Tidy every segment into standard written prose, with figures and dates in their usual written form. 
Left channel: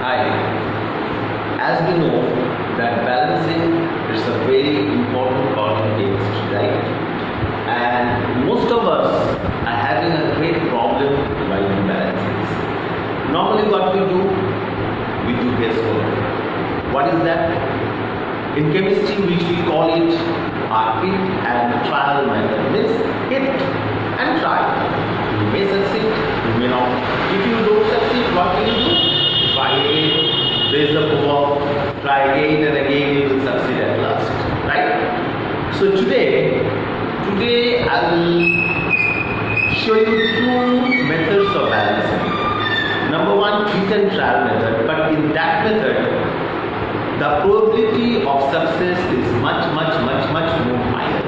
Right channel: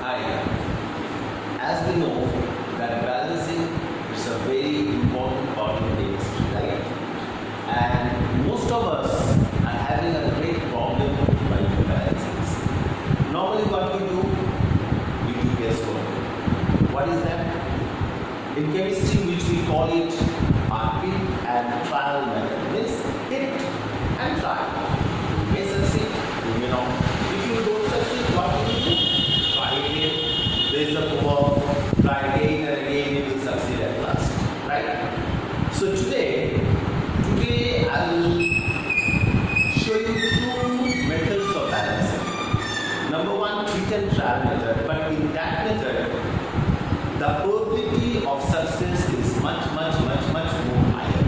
Hi. As we know that balancing is a very important part of chemistry, right? And most of us are having a great problem while doing balances. Normally what we do guesswork. What is that? In chemistry which we call it our hit and trial method. Means hit and try. You may succeed, you may not. If you don't succeed, what will you do? Try again. Raise the bar, try again and again, you will succeed at last. Right? So today I will show you two methods of balancing. Number one, hit and trial method. But in that method, the probability of success is much more higher.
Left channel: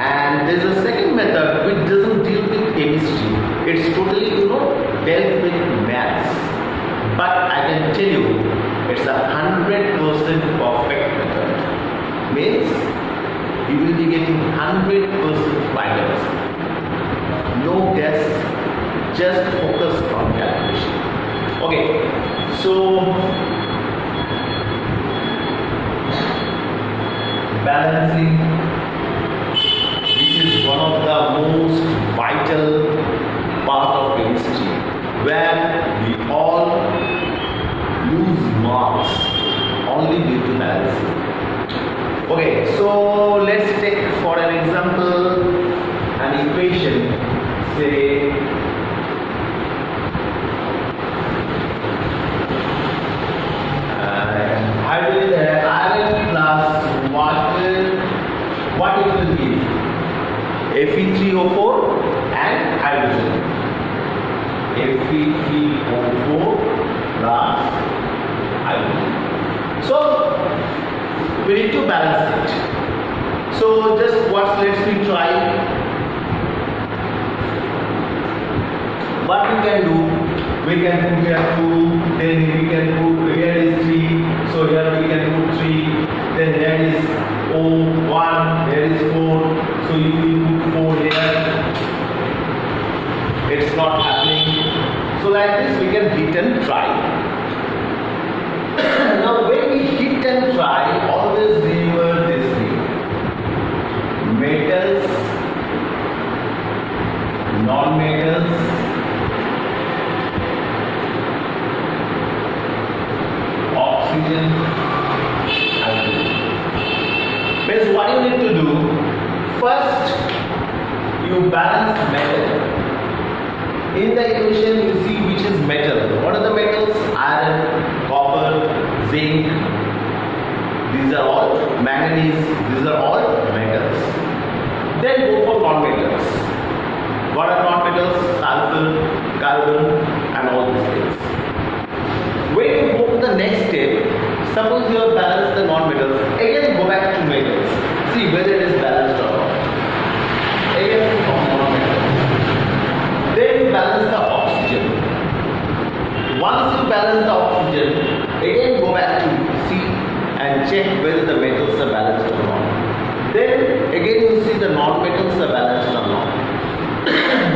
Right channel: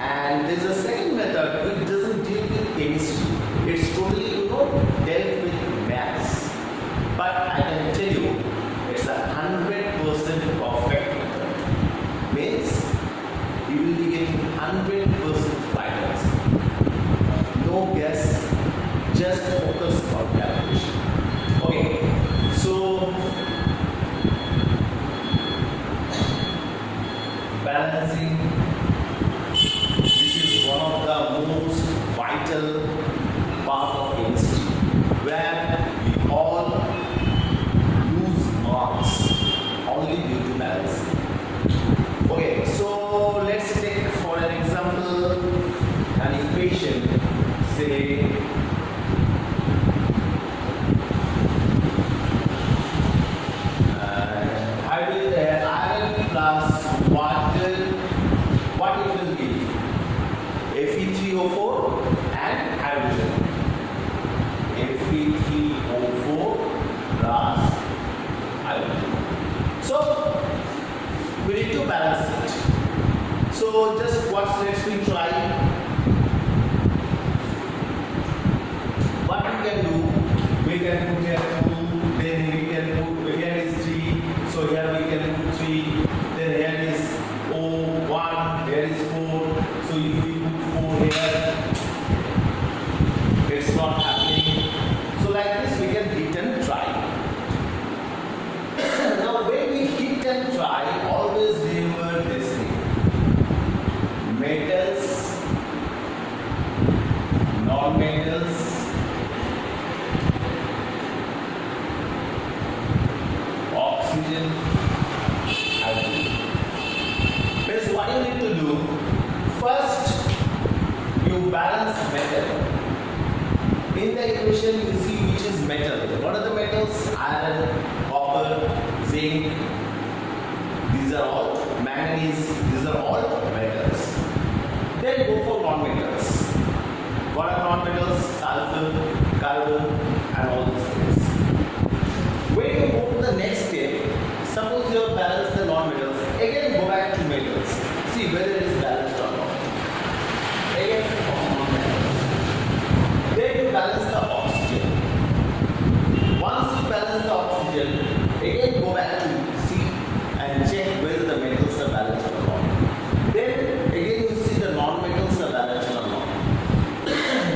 And there is a second method which doesn't deal with chemistry. It's totally, dealt with maths. But I can tell you, it's a 100% perfect method. Means you will be getting 100% finals. No guess, just focus on calculation. Okay, so balancing, which is one of the most vital part of chemistry, where we all lose marks only due to balancing. Okay, so let's take for an example an equation, say iron plus water, what it will be? Fe3O4 and hydrogen. Fe3O4 plus hydrogen. So we need to balance it. So just let's we try. What we can do, we can put here 2, then we can put here is 3, so here we can put 3, then here is 1, here is 4, so if we put 4 here, it's not happening. So like this we can hit and try. Now when we hit and try, always remember this thing. Metals, non-metals, oxygen, hydrogen. Means what you need to do, first you balance metal. In the equation you see which is metal. What are the metals? Iron, copper, zinc, these are all manganese, these are all metals. Then go for non-metals. What are non-metals? Sulfur, carbon and all these things. When you go to the next step, suppose you have balanced the non-metals, again go back to metals. See whether it is balanced or not. Again from non-metals. Then you balance the oxygen. Once you balance the oxygen, again go back to see and check whether the metals are balanced or not. Then again you see the non-metals are balanced or not.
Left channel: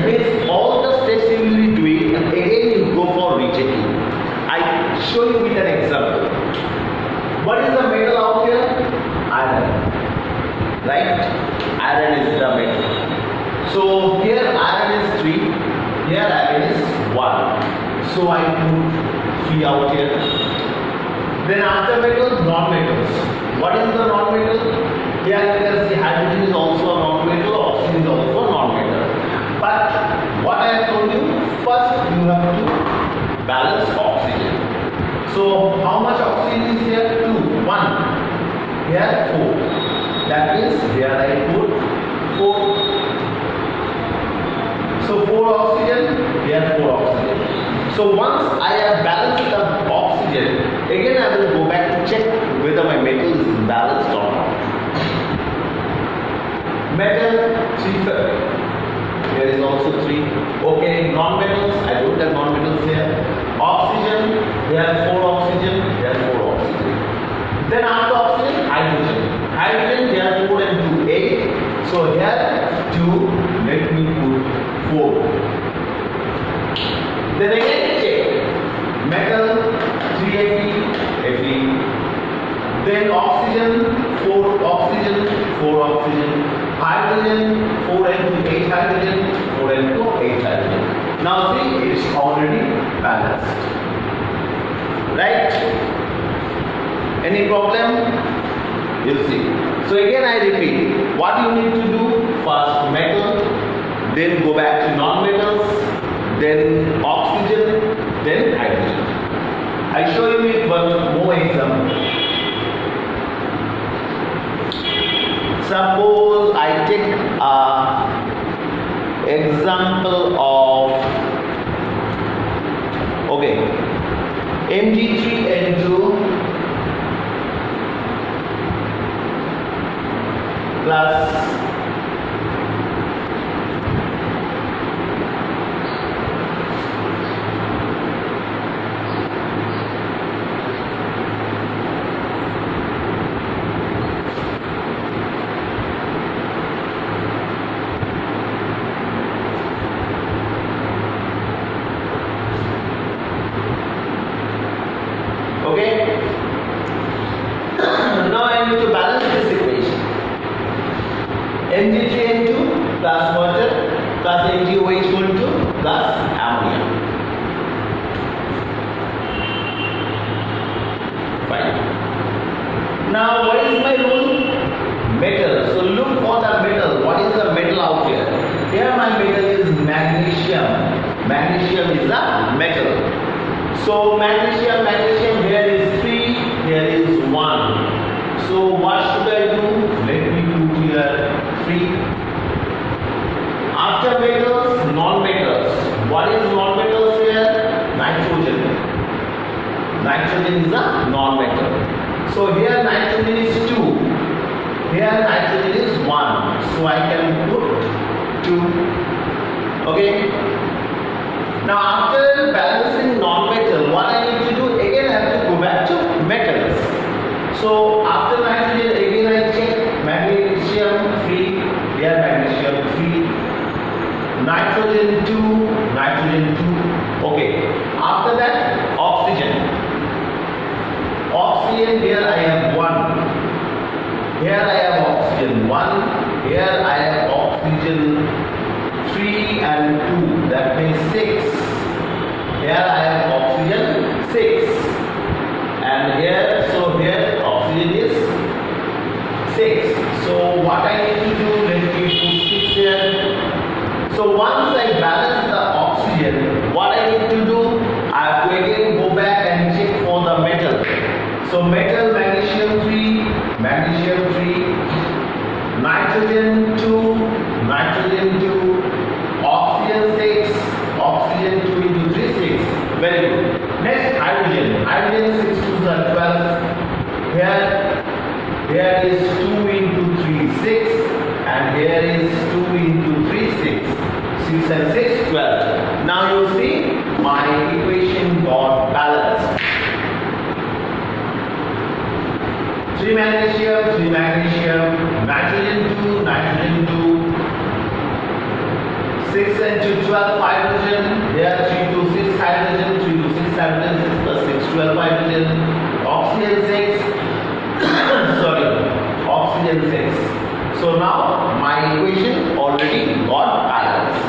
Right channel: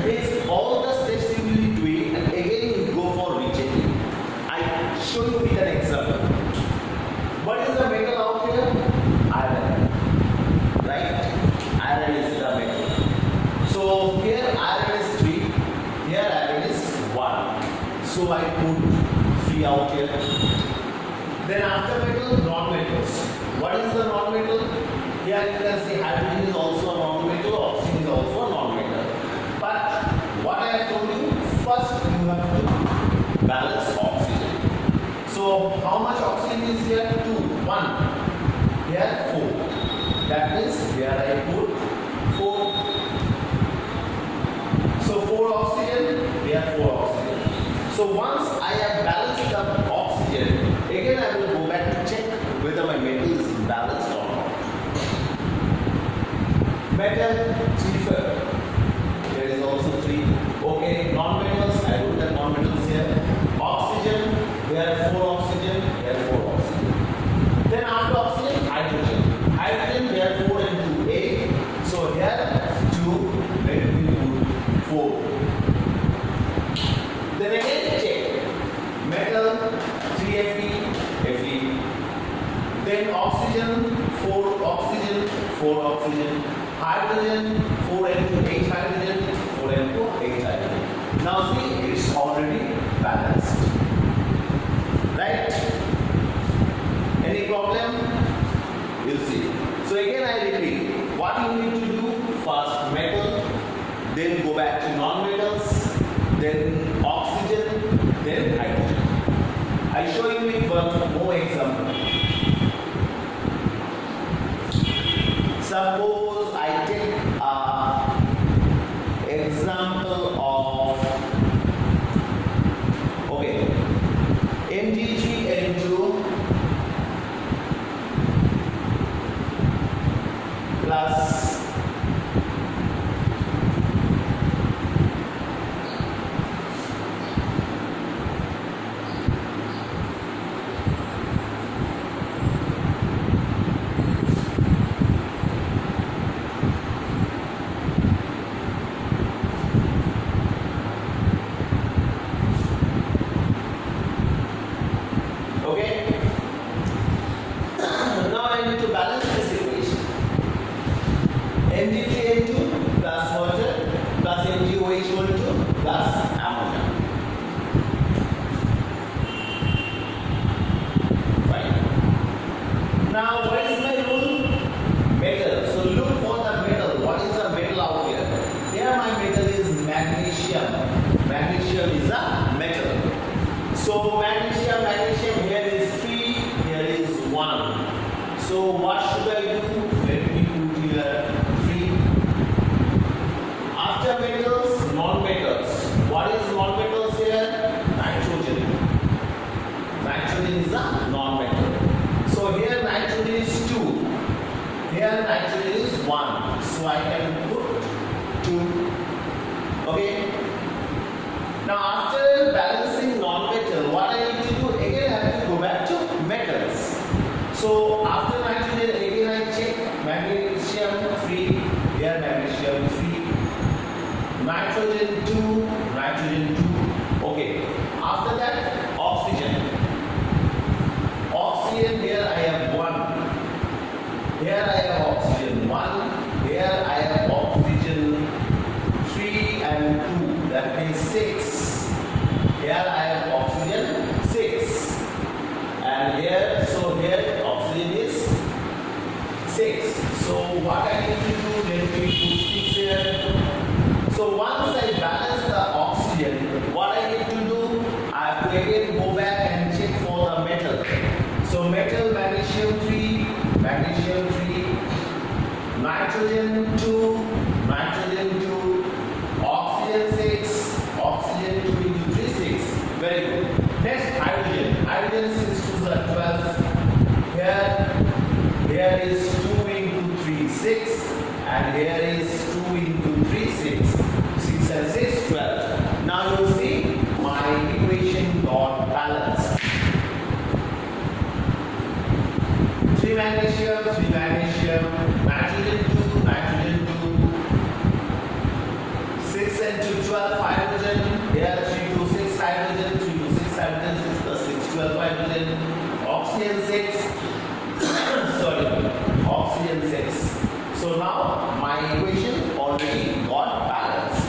Means all the steps you will be doing, and again you go for rechecking. I show you with an example. What is the metal out here? Iron. Right? Iron is the metal. So here iron is 3, here iron is 1. So I put 3 out here. Then after metal, non-metals. What is the non-metal? Here you can see hydrogen is also a non-metal, oxygen is also a non-metal. But what I have told you, first you have to balance oxygen. So how much oxygen is here? 2, 1. Here 4. That means here I put 4. So 4 oxygen, here 4 oxygen. So once I have balanced the oxygen, again I will go back to check whether my metal is balanced or not. Metal 3. Here is also 3. Okay, non-metals, I wrote the non-metals here. Oxygen, here 4 oxygen, here 4 oxygen. Then after oxygen, hydrogen. Hydrogen, here 4 and 2, 8. So here 2, let me put 4. Then again check. Metal, then oxygen, 4 oxygen, 4 oxygen, hydrogen, 4n2 8 hydrogen, 4n2 8 hydrogen. Now see, it's already balanced. Right? Any problem? You'll see. So again I repeat, what you need to do, first metal, then go back to non-metals, then oxygen, then hydrogen. I'll show you with one more example. Suppose I take an example of, okay, Mg3N2 plus okay. Now I need to balance this equation. Mg3N2 plus water plus MgOH12 plus ammonia. Fine. Now what is my rule? Metal. So look for the metal. What is the metal out here? Here my metal is magnesium. Magnesium is a metal. So magnesium, here is 3, here is 1. So what should I do? Let me put here 3. After metals, non-metals. What is non-metals here? Nitrogen. Nitrogen is a non-metal. So here nitrogen is 2. Here nitrogen is 1. So I can put 2. Okay. Now after balancing non-metal, what I need to do, again I have to go back to metals. So after nitrogen, again I check magnesium free, here magnesium free, nitrogen 2, okay. After that, oxygen. Oxygen, here I have 1. Here I have oxygen 1, here I have oxygen 3 and 2, that means 6. Here I have oxygen 6, and here, so here oxygen is 6. So what I need to do, let me put 6 here. So once I balance the oxygen, what I need to do, I have to again go back and check for the metal. So metal, magnesium 3, nitrogen 2, oxygen 6, oxygen 2 into 3, 6. Very good. Next, hydrogen. Hydrogen 6 to the 12. Here is 2 into 3, 6. And here is 2 into 3, 6. 6 and 6, 12. Now you see, my equation got balanced. 3 magnesium, nitrogen 2, 6 and 2, 12 hydrogen, here 3 to 6 hydrogen, 3 to 6 hydrogen, 6 plus 6, 12 hydrogen, oxygen 6, oxygen 6. So now my equation already got balanced.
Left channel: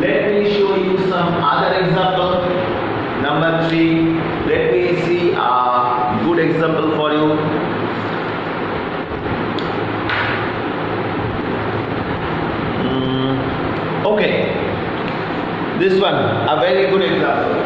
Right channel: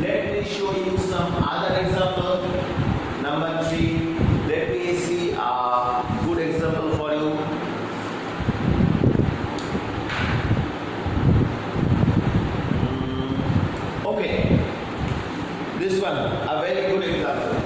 Let me show you some other example. Number 3, let me see a good example for you. Okay, this one, a very good example.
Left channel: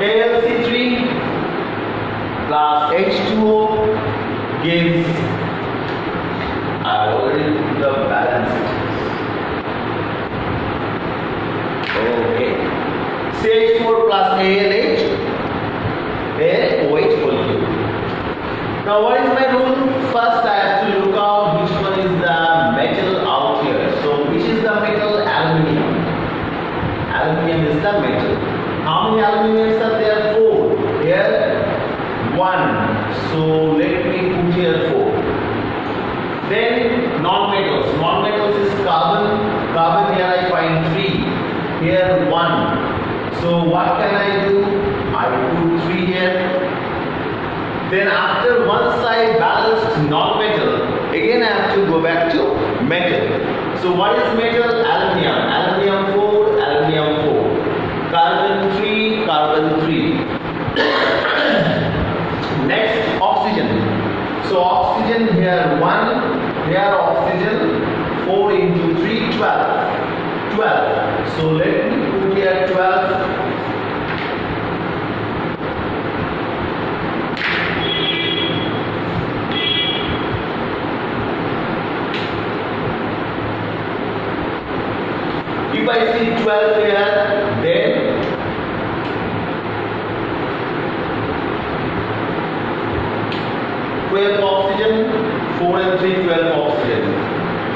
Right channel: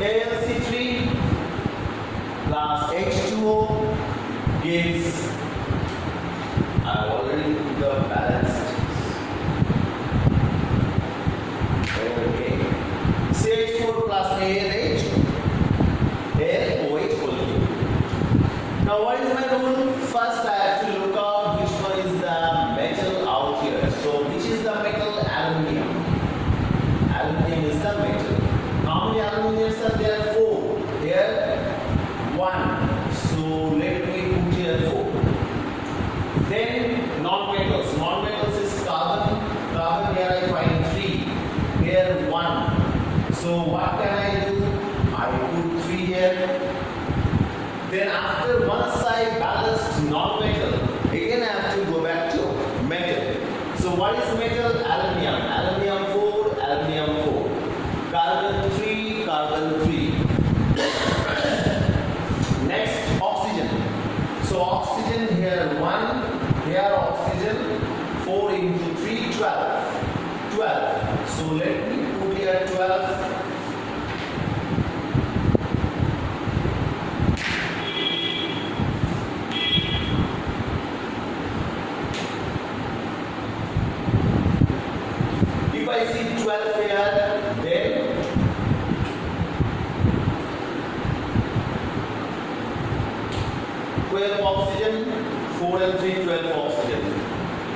AlC3 plus H2O gives, I already put the balanced. Okay. CH4 plus ALH, OH molecule. Now what is my rule? First I have to look out which one is the metal out here. So which is the metal? Aluminium. Aluminium is the metal. How many aluminiums are there? 4. Here 1. So let me put here 4. Then non-metals. Non-metals is carbon. Carbon here I find 3. Here 1. So what can I do? I put 3 here. Then after once I balanced non-metal, again I have to go back to metal. So what is metal? Aluminium. Aluminium 4, aluminium 4. Carbon 3, carbon 3. Next, oxygen. So oxygen here 1, here oxygen 4 into 3, 12. 12. So let me put here 12. If I see 12 here, then oxygen, 4 and 3, 12 oxygen.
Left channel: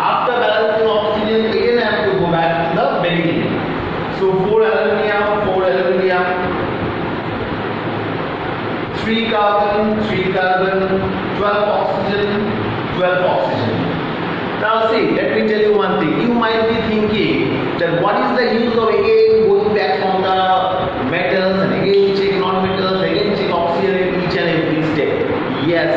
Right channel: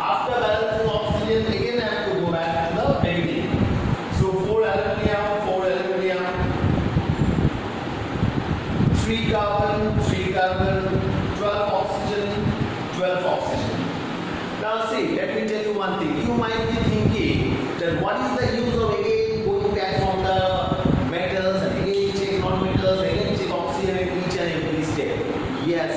After balancing oxygen, again I have to go back to the beginning. So 4 aluminium, 3 carbon, 12 oxygen, 12 oxygen. Now see, let me tell you one thing. You might be thinking that what is the use of again going back from the metals and again check non-metals, again check oxygen in each and every step. Yes,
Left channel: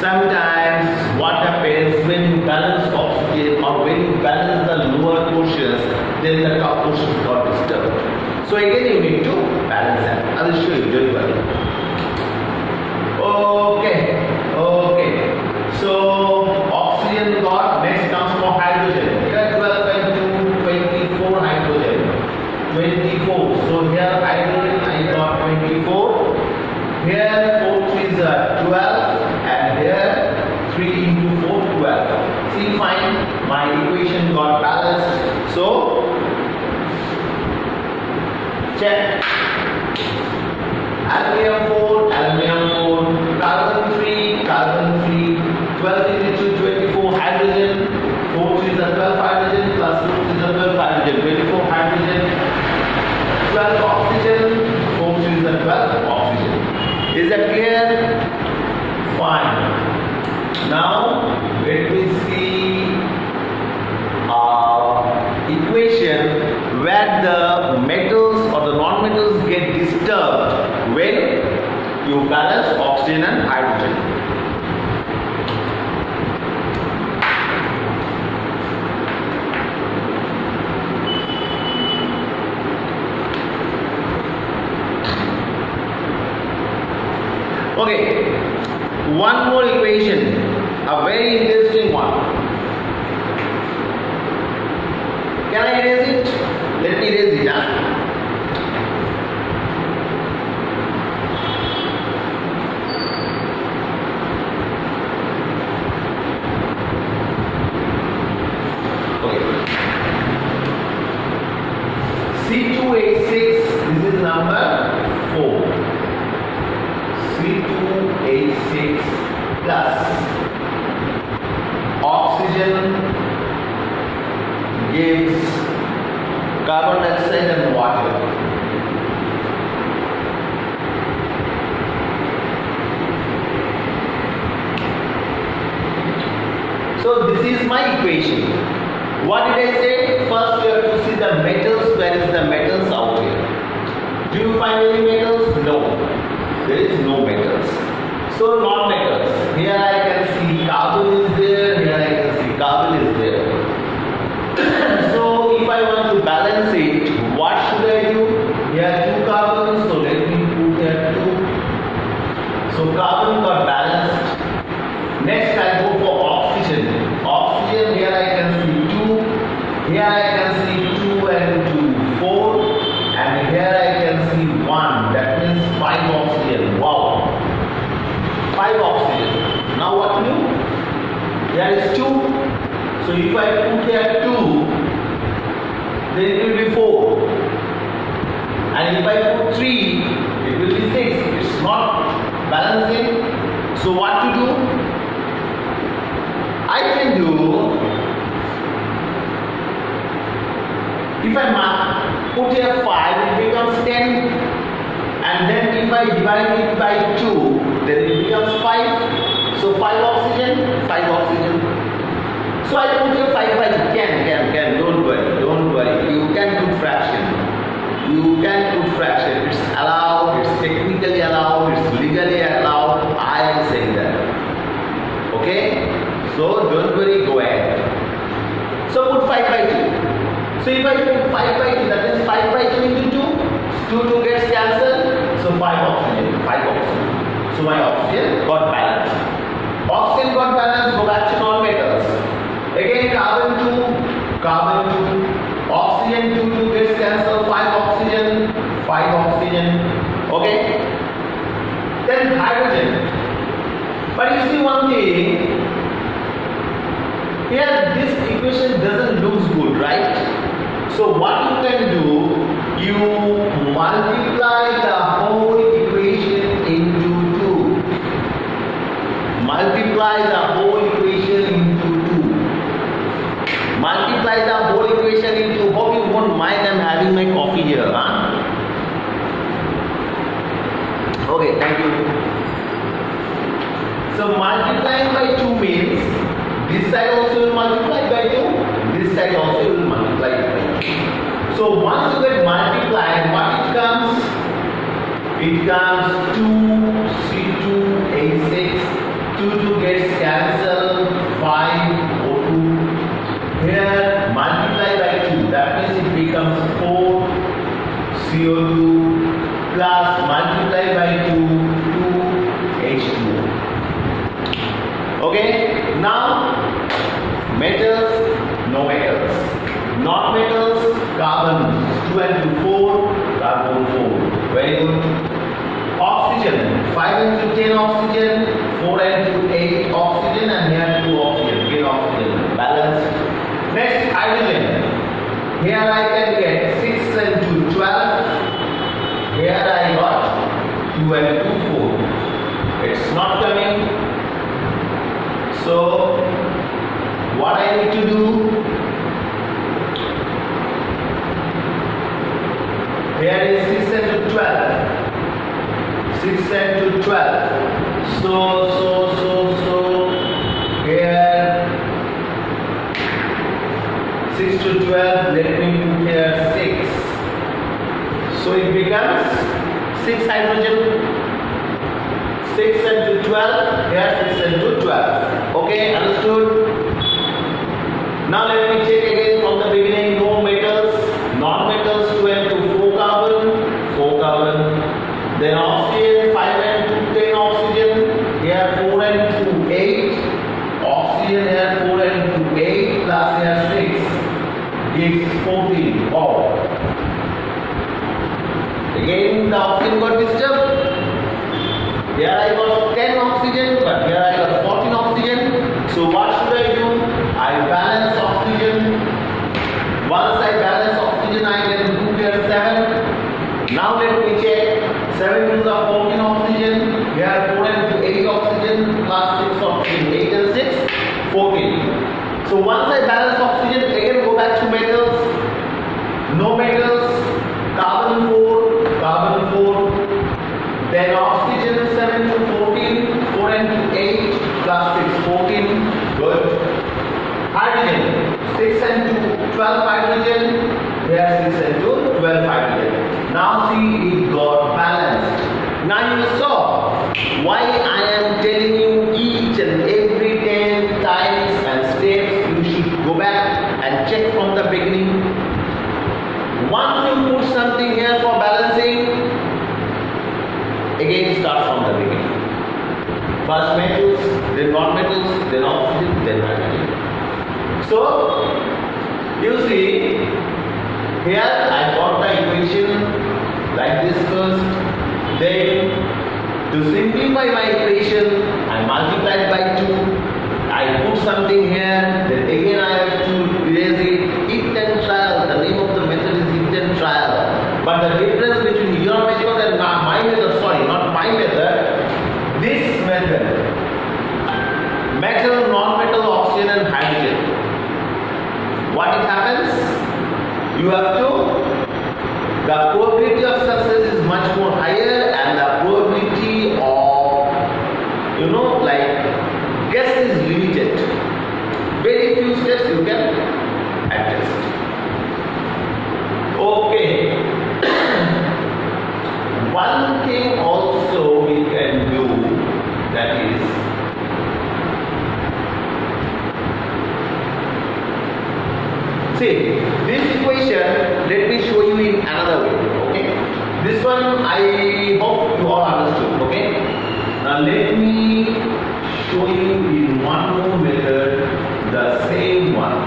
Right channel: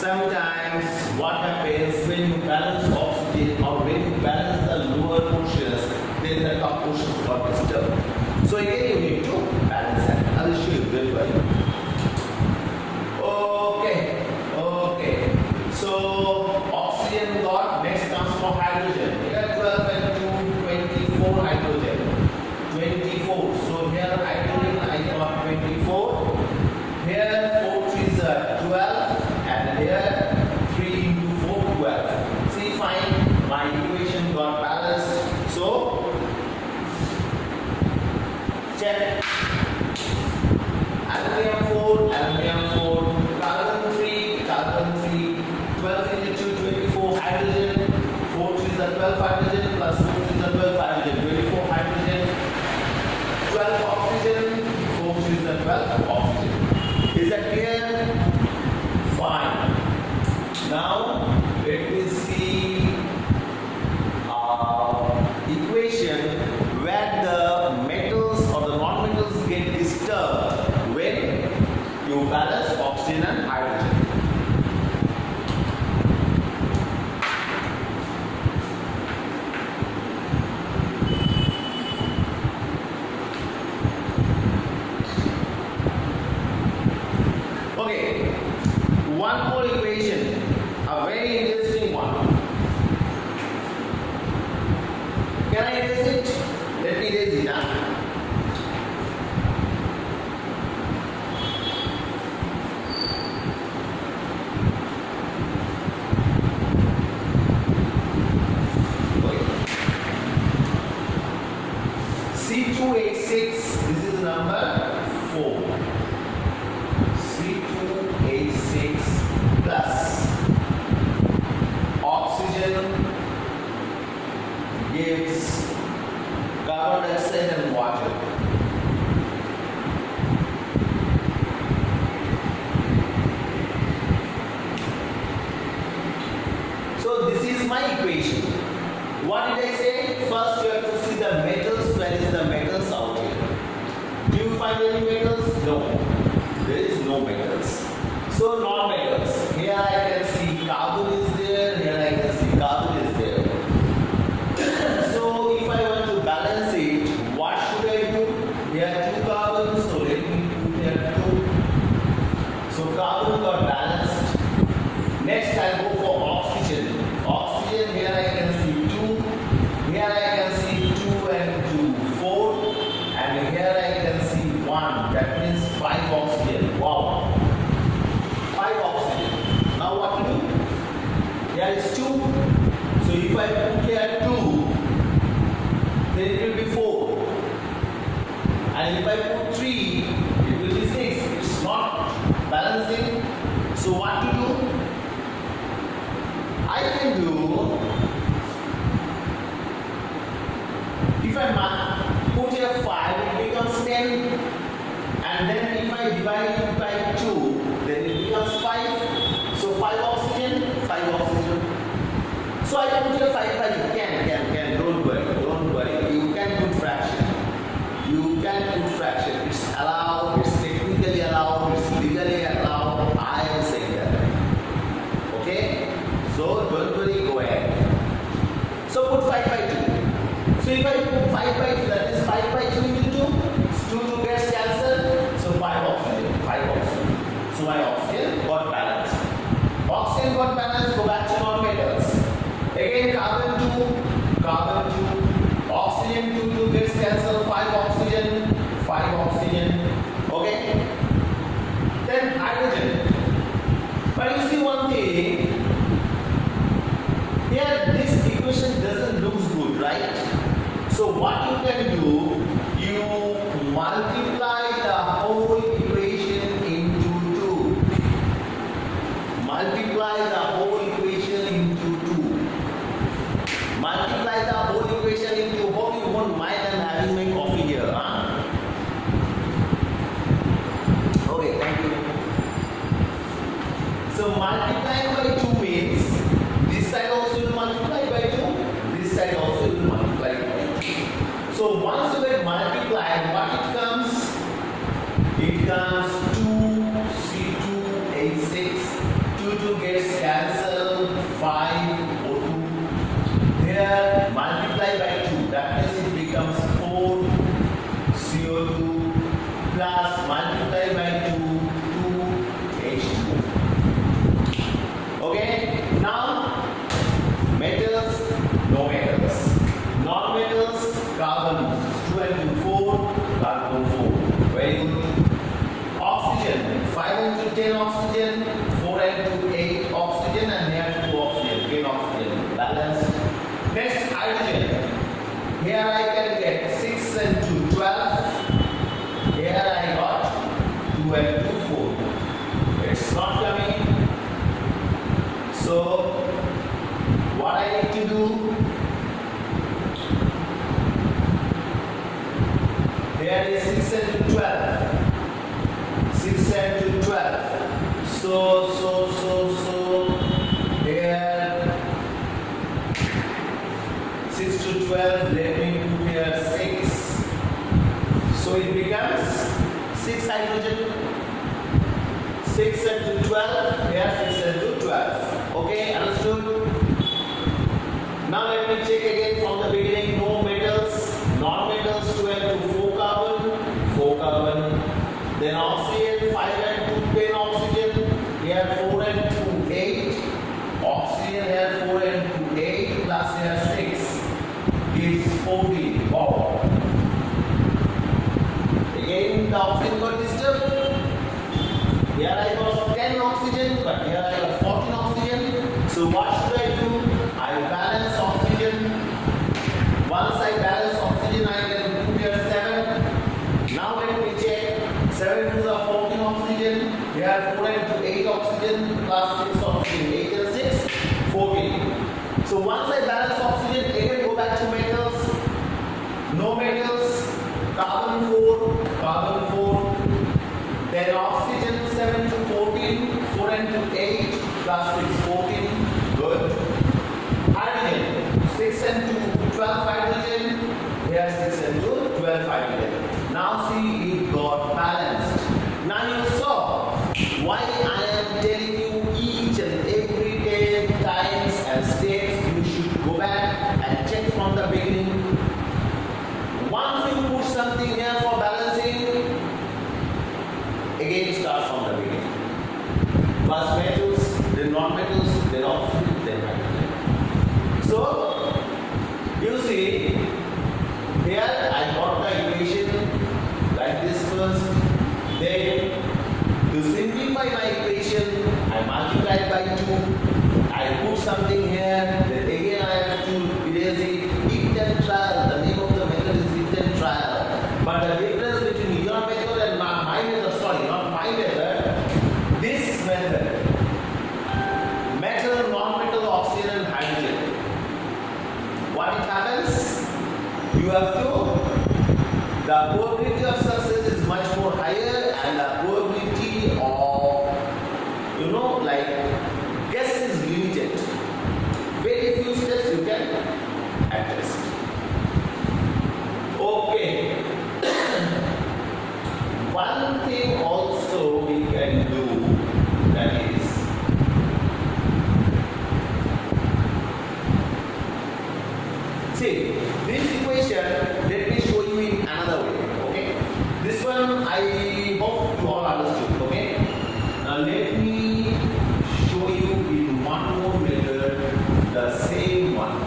sometimes what happens when you balance oxygen or when you balance the lower portions, then the top portions got disturbed. So again you need to balance that. I will show you, don't worry. Okay. So oxygen got, next comes for hydrogen. Here 12 and 2, 24 hydrogen. 24. So here hydrogen I got 24. Here 4 3s are 12 and here 3 into 4 12. See, fine, my equation got balanced. So check. Aluminium 4, carbon 3, 12 into 2, 24 hydrogen, 4 3s are 12 hydrogen plus 4 3s are 12 hydrogen, 24 hydrogen, 12 oxygen, 4 3s are 12 oxygen. Is that clear? Fine. Now let me see equation where the metals or the non-metals get disturbed when you balance oxygen and hydrogen. Okay, one more equation, a very interesting one. Can I erase it? Let me erase it. Okay. C2H6, this is number 4. C2H6 plus oxygen gives carbon dioxide and water. So this is my equation. What did I say? First you have to see the metals. Where is the metals out here? Do you find any metals? No. There is no metals. So non-metals. Here I can see carbon is there. Here I can see carbon is there. So if I want to balance it, what should I do? Here 2 carbons. So let me put here 2. So carbon got balanced. Next I go for oxygen. Oxygen, here I can see 2. Here I can see 2 and 2, 4. And here I can see 1. That means 5 oxygen. Wow. 5 oxygen. Now what to do? Here is 2. So if I put here 2, then it will be 4. And if I put 3, it will be 6. It's not balancing. So what to do? I can do, if I put here 5, it becomes 10. And then if I divide it by 2, then it becomes 5. So 5 oxygen, 5 oxygen. So I put here 5 by 2. Can. Don't worry. You can put fraction. It's allowed, it's technically allowed, it's legally allowed. I am saying that. Okay? So don't worry, go ahead. So put 5 by 2. So if I put 5 by 2, that is 5 by 2 into 2 gets cancelled. So 5 oxygen. So my oxygen got balanced. Oxygen got balanced, go back to non-metals. Again carbon 2, oxygen 2 gets cancelled, 5 oxygen. Okay? Then hydrogen. But you see one thing, here this equation doesn't look good, right? So what you can do, you multiply the whole equation into 2. Multiply the whole equation into 2. Multiply the whole equation into, hope you won't mind I'm having my coffee here, huh? Okay, thank you. So multiplying by 2 means this side also will multiply by 2, this side also will multiply by 2. So once you get multiplied, what it comes? It comes 2C2H6, 2 gets cancelled, 5 O2. Here multiply by 2, that means it becomes 4 CO2 plus multiply by 2, 2H2O. Okay, now metals, no metals. Non-metals, carbon 2 and 2, 4, carbon 4. Very good. Oxygen, 5 into 10 oxygen, 4 and 2, 8 oxygen, and here 2 oxygen, 10 oxygen, balanced. Next, hydrogen. Here I can get 6 and 2, 12. Here I got 2 and 2, 4. It's not coming. So, what I need to do? Here is 6 and 12. 6 and 12. So here 6 to 12. Let me put here 6. So it becomes 6 hydrogen. 6 and 12. Here 6 and 12. Okay, understood? Now let me check again from the beginning. No metals. Non-metals 2 and 2, 4 carbon, 4 carbon. Then oxygen 5 and 2, 10 oxygen. Here 4 and 2, 8. Oxygen here 4 and 2, 8 plus here 6 gives 14. Wow. Again the oxygen got disturbed. Here I got 10 oxygen, but here I got 14 oxygen. So what should I do? I balance oxygen. Once I balance oxygen, I can put here 7. Now let me check. 7 to the 14 oxygen. Here 4 and 2, 8 oxygen plus 6 oxygen. 8 and 6, 14. So once I balance oxygen, again go back to metals. No metals. Carbon 4. Then oxygen 7 to 14. 4 and 2, 8 plus 6, 14. Good. Hydrogen 6 and 2, 12 hydrogen. Here 6 and 2, 12 hydrogen. Now see, it got balanced. Now you saw why I am telling you each and every 10 times and steps. You should go back and check from the beginning. Once you put something here for balancing, again start from the beginning. First metals, then non-metals, then oxygen, then hydrogen. So, you see, here I got the equation like this first. Then, to simplify my equation, I multiplied by 2. I put something here. Then again I have to erase it. It and trial, the name of the metal, non-metal, oxygen and hydrogen. What it happens? You have to, the probability of success is much more higher, and the probability of, like guess is limited. Very few steps you can adjust. Okay. One thing also we can do, that is, see this equation, let me show you in another way. Okay, this one I hope you all understood. Okay, now let me show you in one more method the same one.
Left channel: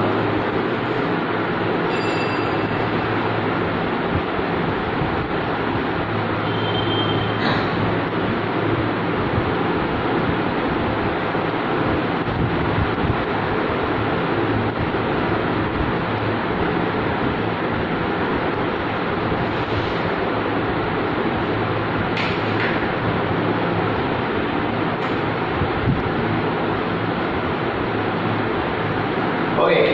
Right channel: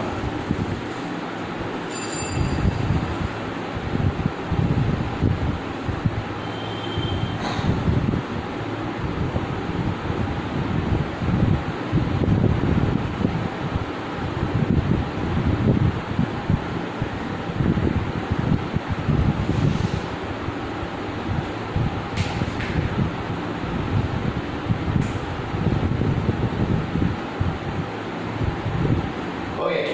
Okay,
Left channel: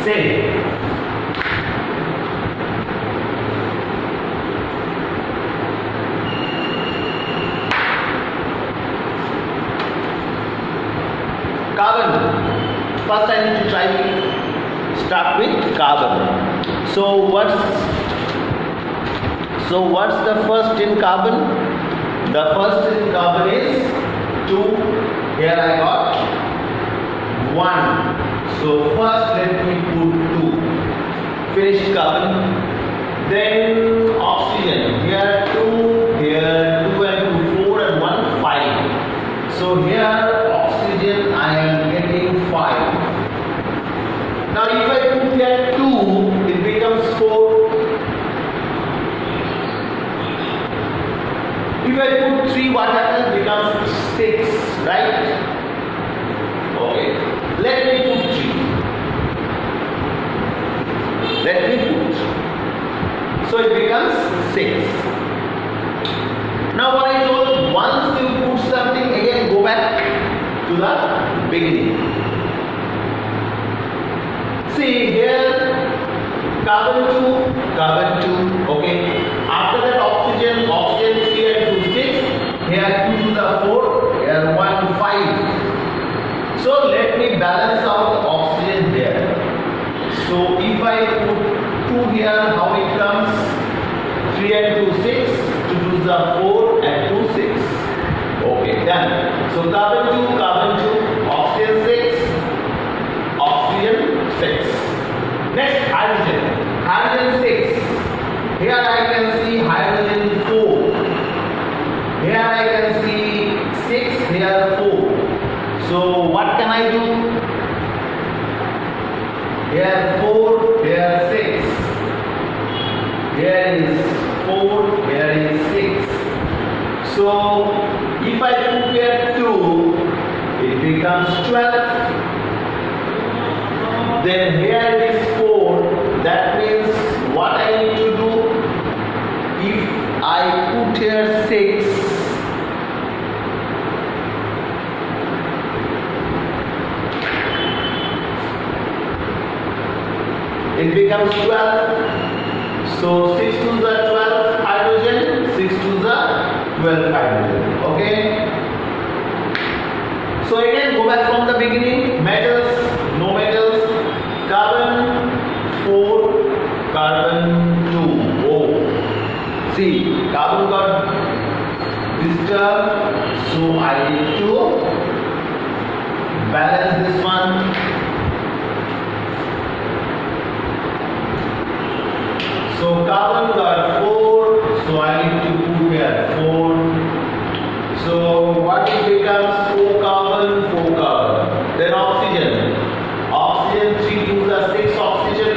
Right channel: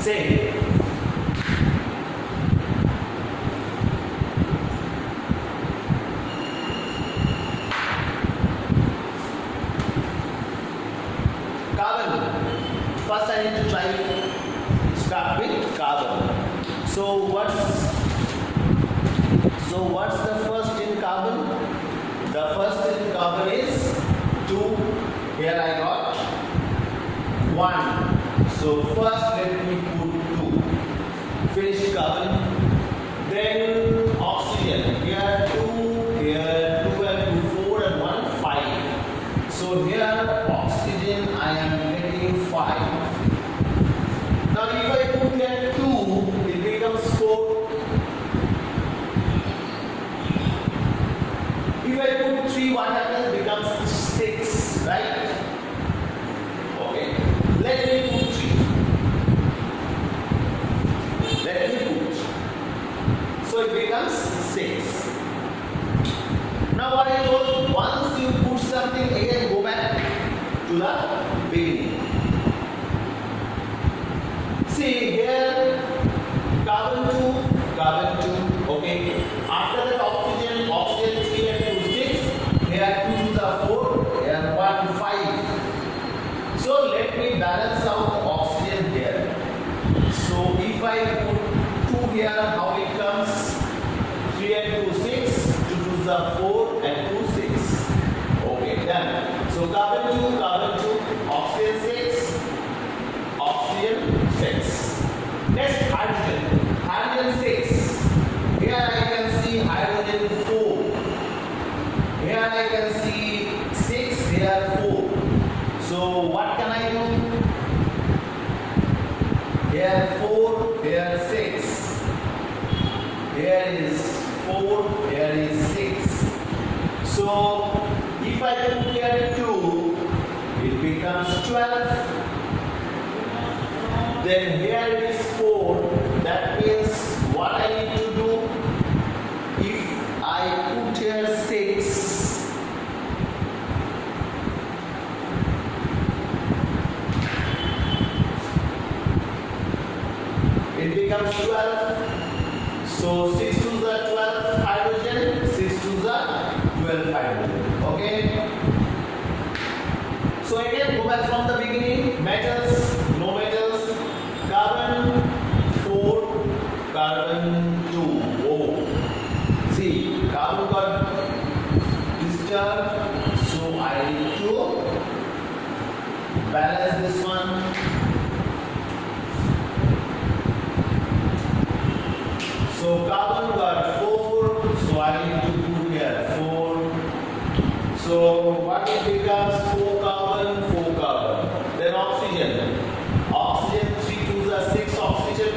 say carbon. First I need to start with carbon. So what's the first in carbon? The first in carbon is 2. Here I got 1. So first let me put 2. Finish carbon. Then oxygen. Here 2, here 2 and 2, 4 and 1, 5. So here oxygen I am getting 5. Now if I put here 2, it becomes 4. If I put 3, what happens? Becomes 6, right? Okay. Let me put 3. Let me put 3. So it becomes 6. Now what I told, once you put something, again go back to the beginning. See here, carbon 2, okay. After that oxygen 3 and 2, 6. Here 2 to the 4, here 1, 5. So let me balance out the oxygen there. So if I put 2 here, how it comes? 3 and 2, 6. 2 to the 4 and 2, 6. Okay, done. So carbon 2, oxygen 6, oxygen 6. Next hydrogen. Hydrogen 6. Here I can see hydrogen 4. Here I can see 6, here 4. So what can I do? Here 4, here 6. Here is 4, here is 6. So if I put here 2, it becomes 12. Then here is 4. That means what I need to do? If I put here 6, it becomes 12. So 6 to the 12 hydrogen, 6 to the 12 hydrogen. Okay. So again go back from the beginning. Metals, no metals. Carbon 4, carbon 2. Oh. See, carbon got disturbed. So I need to balance this one. So carbon got 4, so I need to put here 4. So what it becomes? 4 carbon, 4 carbon. Then oxygen. Oxygen 3 to the 6 oxygen.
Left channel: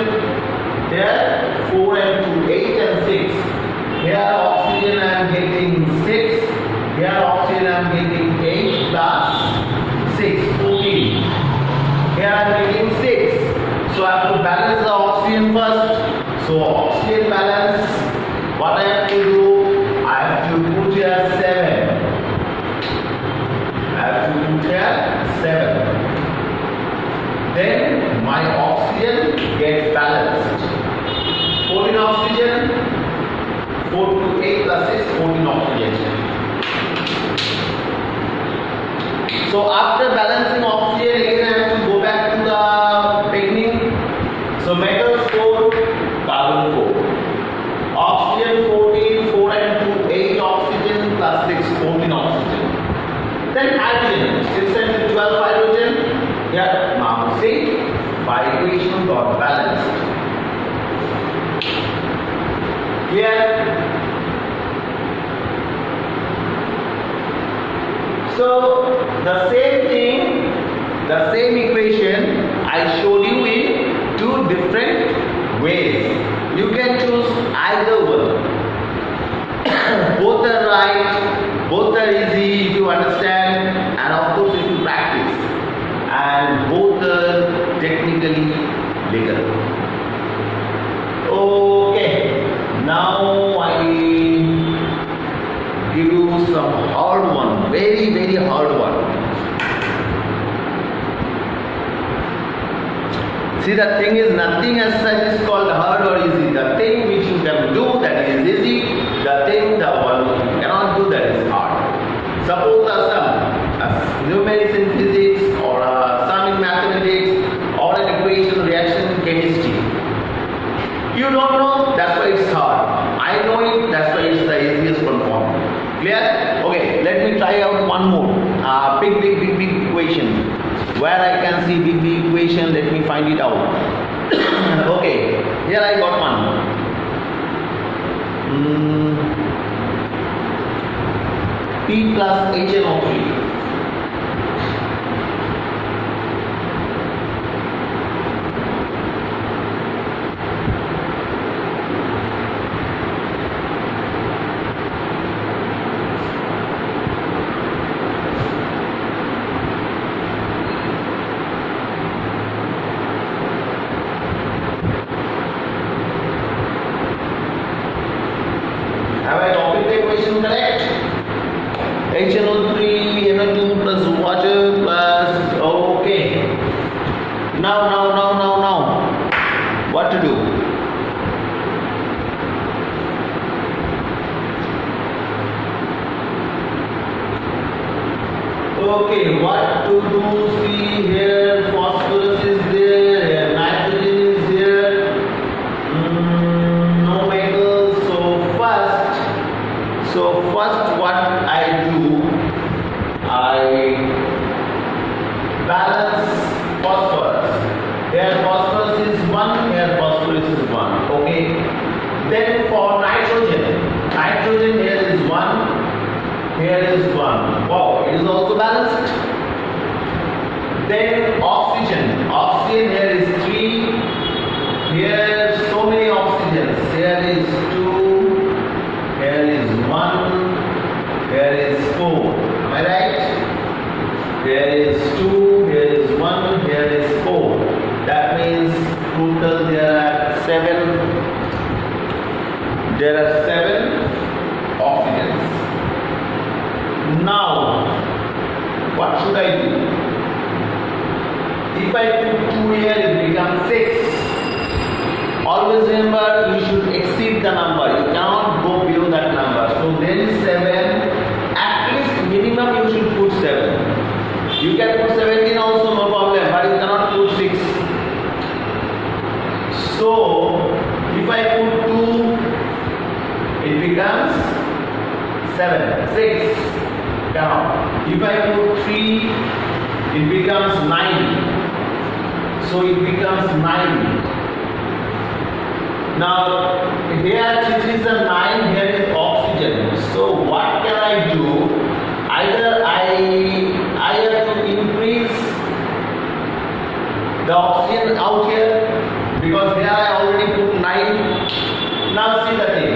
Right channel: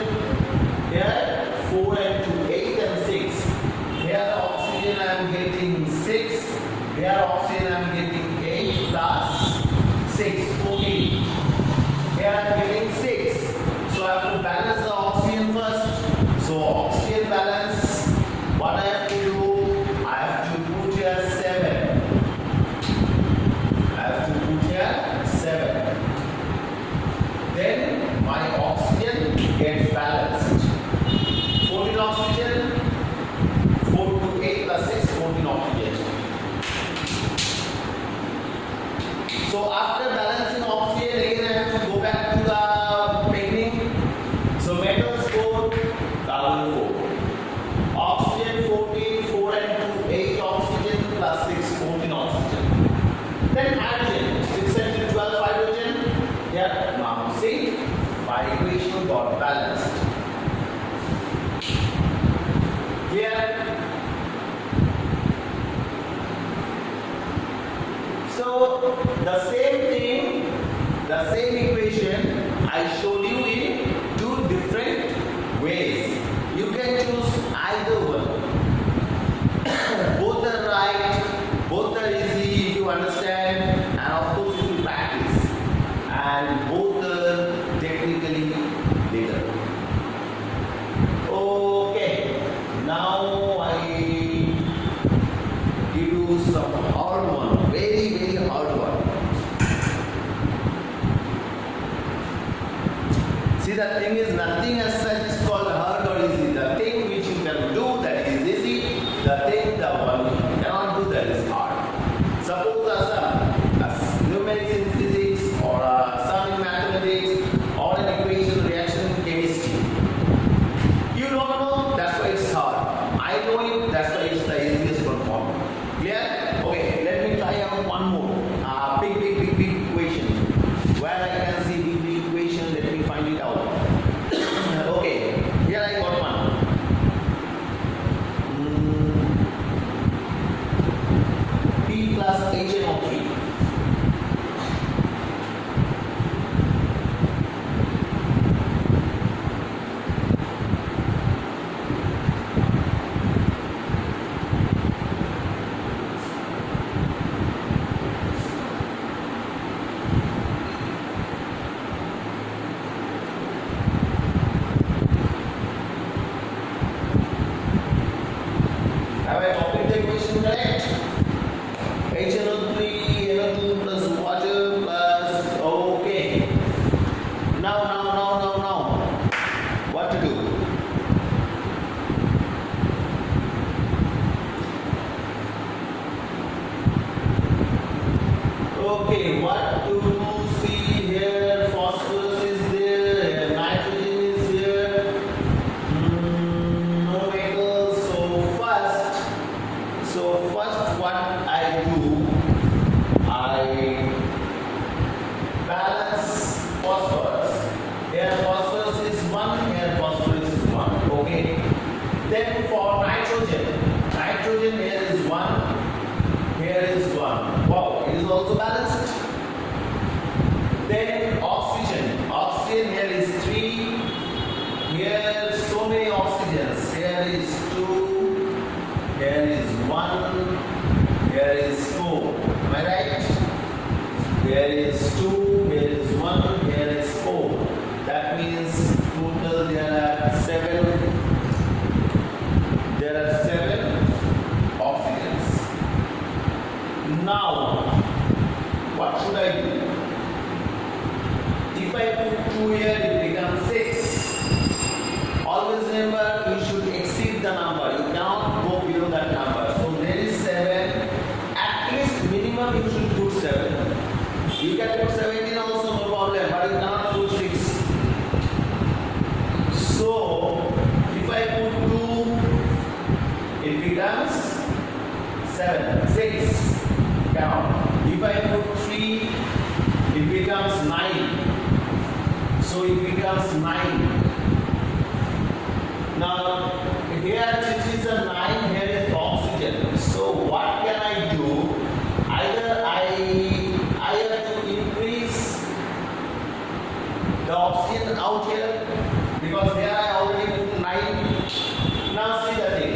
Here 4 and 2, 8 and 6. Here oxygen I am getting 6. Here oxygen I am getting 8 plus 6, 14. Here I am getting 6. So I have to balance the oxygen first. So oxygen balance, what I have to do? I have to put here 7. I have to put here my oxygen gets balanced. 14 oxygen, 4 to 8 plus 6, 14 oxygen. So after balancing oxygen, again I have to go back to the beginning. So metals 4, carbon 4. Oxygen 14, 4 and 2, 8 oxygen plus 6, 14 oxygen. Then hydrogen, 6 and 12 hydrogen. Yeah, now see, by equation got balanced. Here. So the same thing, the same equation I showed you in two different ways. You can choose either one. Both are right, both are easy if you understand, and of course if you practice. And both are technically legal. Okay, now I give you some hard one, very hard one. See, the thing is, nothing as such is called hard or easy. The thing which you can do, that is easy. The thing, the one you cannot do, that is hard. Suppose some numerics in physics, or some in mathematics, or an equation reaction in chemistry. You don't know, that's why it's hard. I know it, that's why it's the easiest one form. Clear? Okay, let me try out one more. Big equation. Where I can see big equation, let me find it out. Okay, here I got one. P plus HNO3. Have I copied the equation correct? HNO3, NO2 plus water plus, okay. Now. What to do? Okay, what to do? See here, phosphorus is there, nitrogen is here. No metals. So first what I do, I balance phosphorus. Here phosphorus is 1, here phosphorus is 1. Okay. Then for nitrogen here is 1, here is 1. Wow, it is also balanced. Then oxygen here is 3. Here so many oxygens. Here is 2. Here is 1. Here is 4. Am I right? Here is 2. Here is 1. Here is 4. That means total there are 7. There are 7 oxygens. Now, what should I do? If I put 2 here, it becomes 6. Always remember, you should exceed the number. You cannot go below that number. So there is 7. At least minimum you should put 7. You can put 17 also, no problem, but you cannot put 6. So if I put 2, it becomes 7. 6. Cannot. If I put 3, it becomes 9. So it becomes 9. Now here this is a 9, here is oxygen. So what can I do? Either I have to increase the oxygen out here, because here I already put 9. Now see the thing.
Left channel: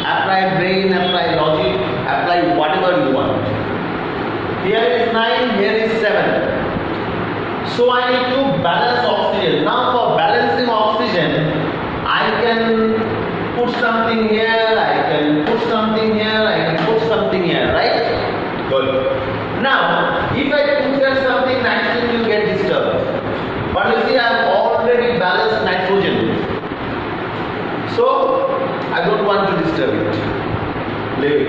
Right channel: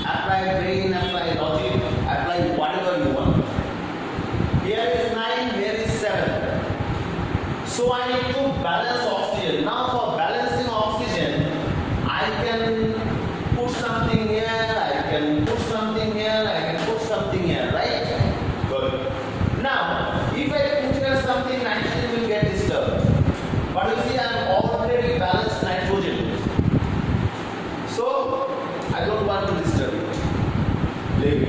Apply brain, apply logic, apply whatever you want. Here is 9, here is 7. So I need to balance oxygen. Now for balancing oxygen, I can put something here, I can put something here, I can put something here, right? Good. Now, if I put here something, nitrogen will get disturbed. What will leave it.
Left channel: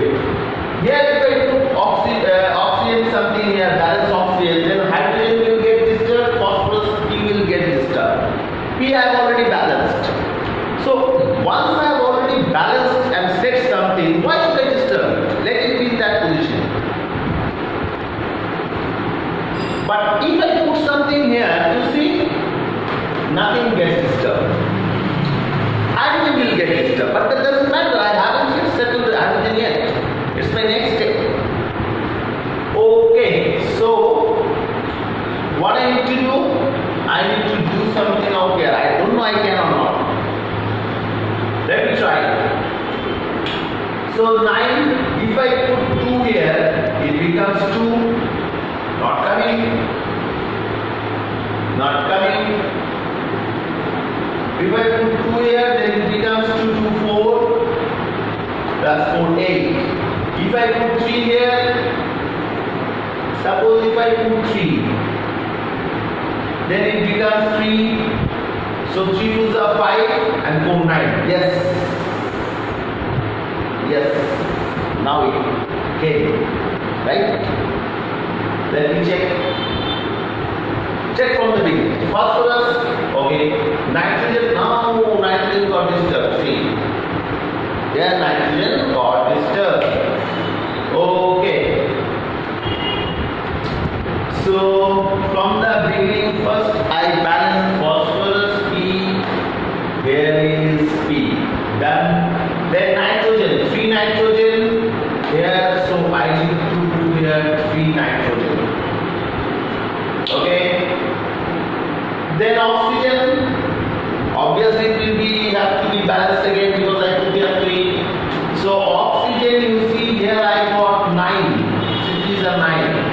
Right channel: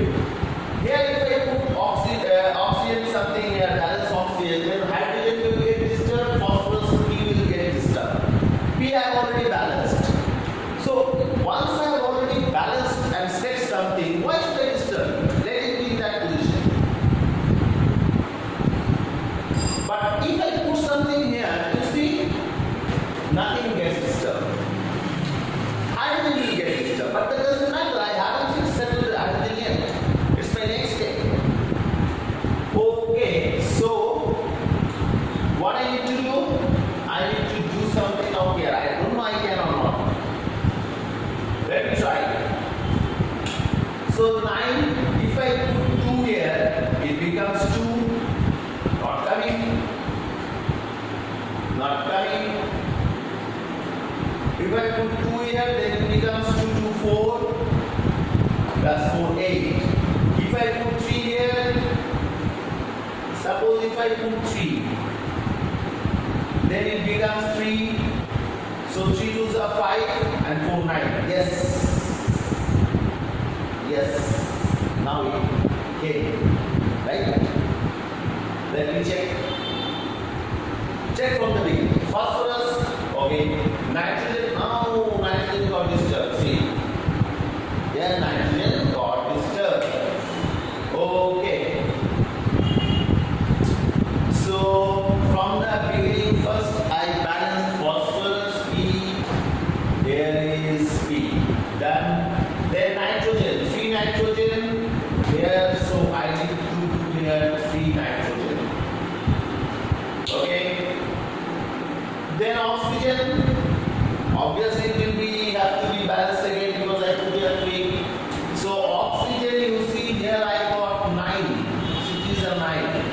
Here if I put oxygen something here, balance oxygen, then hydrogen will get disturbed, phosphorus P will get disturbed. P I have already balanced. So once I have already balanced and set something, why should I disturb it? Let it be in that position. But if I put something here, you see, nothing gets disturbed. Hydrogen will get disturbed, but that doesn't matter. I haven't yet settled the hydrogen yet. It's my next step. Okay, so what I need to do? I need to do something out here. I don't know I can or not. Let me try. So 9, if I put 2 here, it becomes 2. Not coming. Not coming. If I put 2 here, then it becomes 2, 2, 4. Plus 4, 8. If I put 3 here, suppose if I put 3, then it becomes 3. So 3 2s are 5 and 4 9. Yes. Yes. Now it came. Right? Let me check. Check from the beginning. Phosphorus, okay. Nitrogen, now nitrogen got disturbed. See. There nitrogen got disturbed. Okay. So from the beginning, first I balance phosphorus P. Here is P. Done. Then nitrogen, free nitrogen here. So I need to do here free nitrogen. Okay. Then oxygen. Obviously it will be have to be balanced again because I put here 3. So oxygen, you see here I got 9. So these are 9.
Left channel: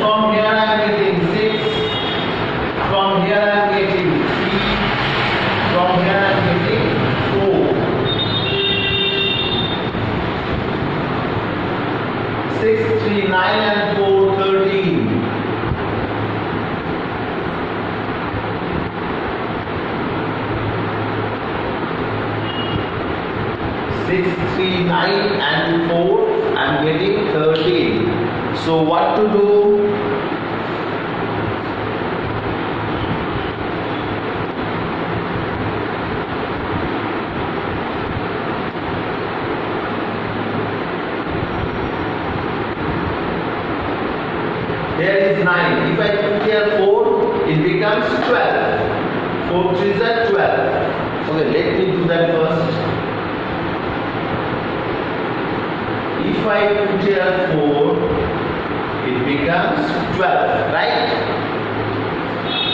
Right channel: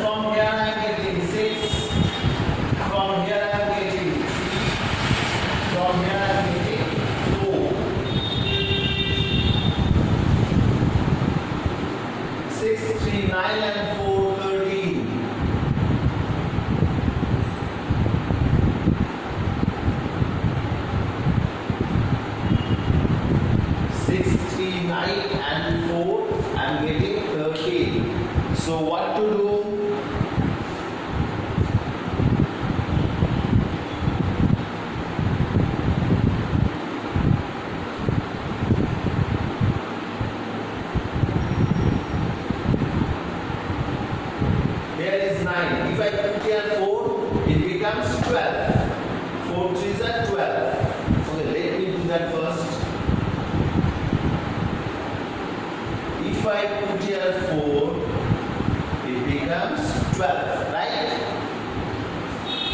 From here I am getting 6. From here I am getting 3. From here I am getting 4. 6, 3, 9 and 4, 13. 6, 3, 9 and 4, I am getting 13. So what to do? Here is 9. If I put here 4, it becomes 12. 4 3s are 12. Okay, let me do that first. If I put here 4, it becomes 12, right?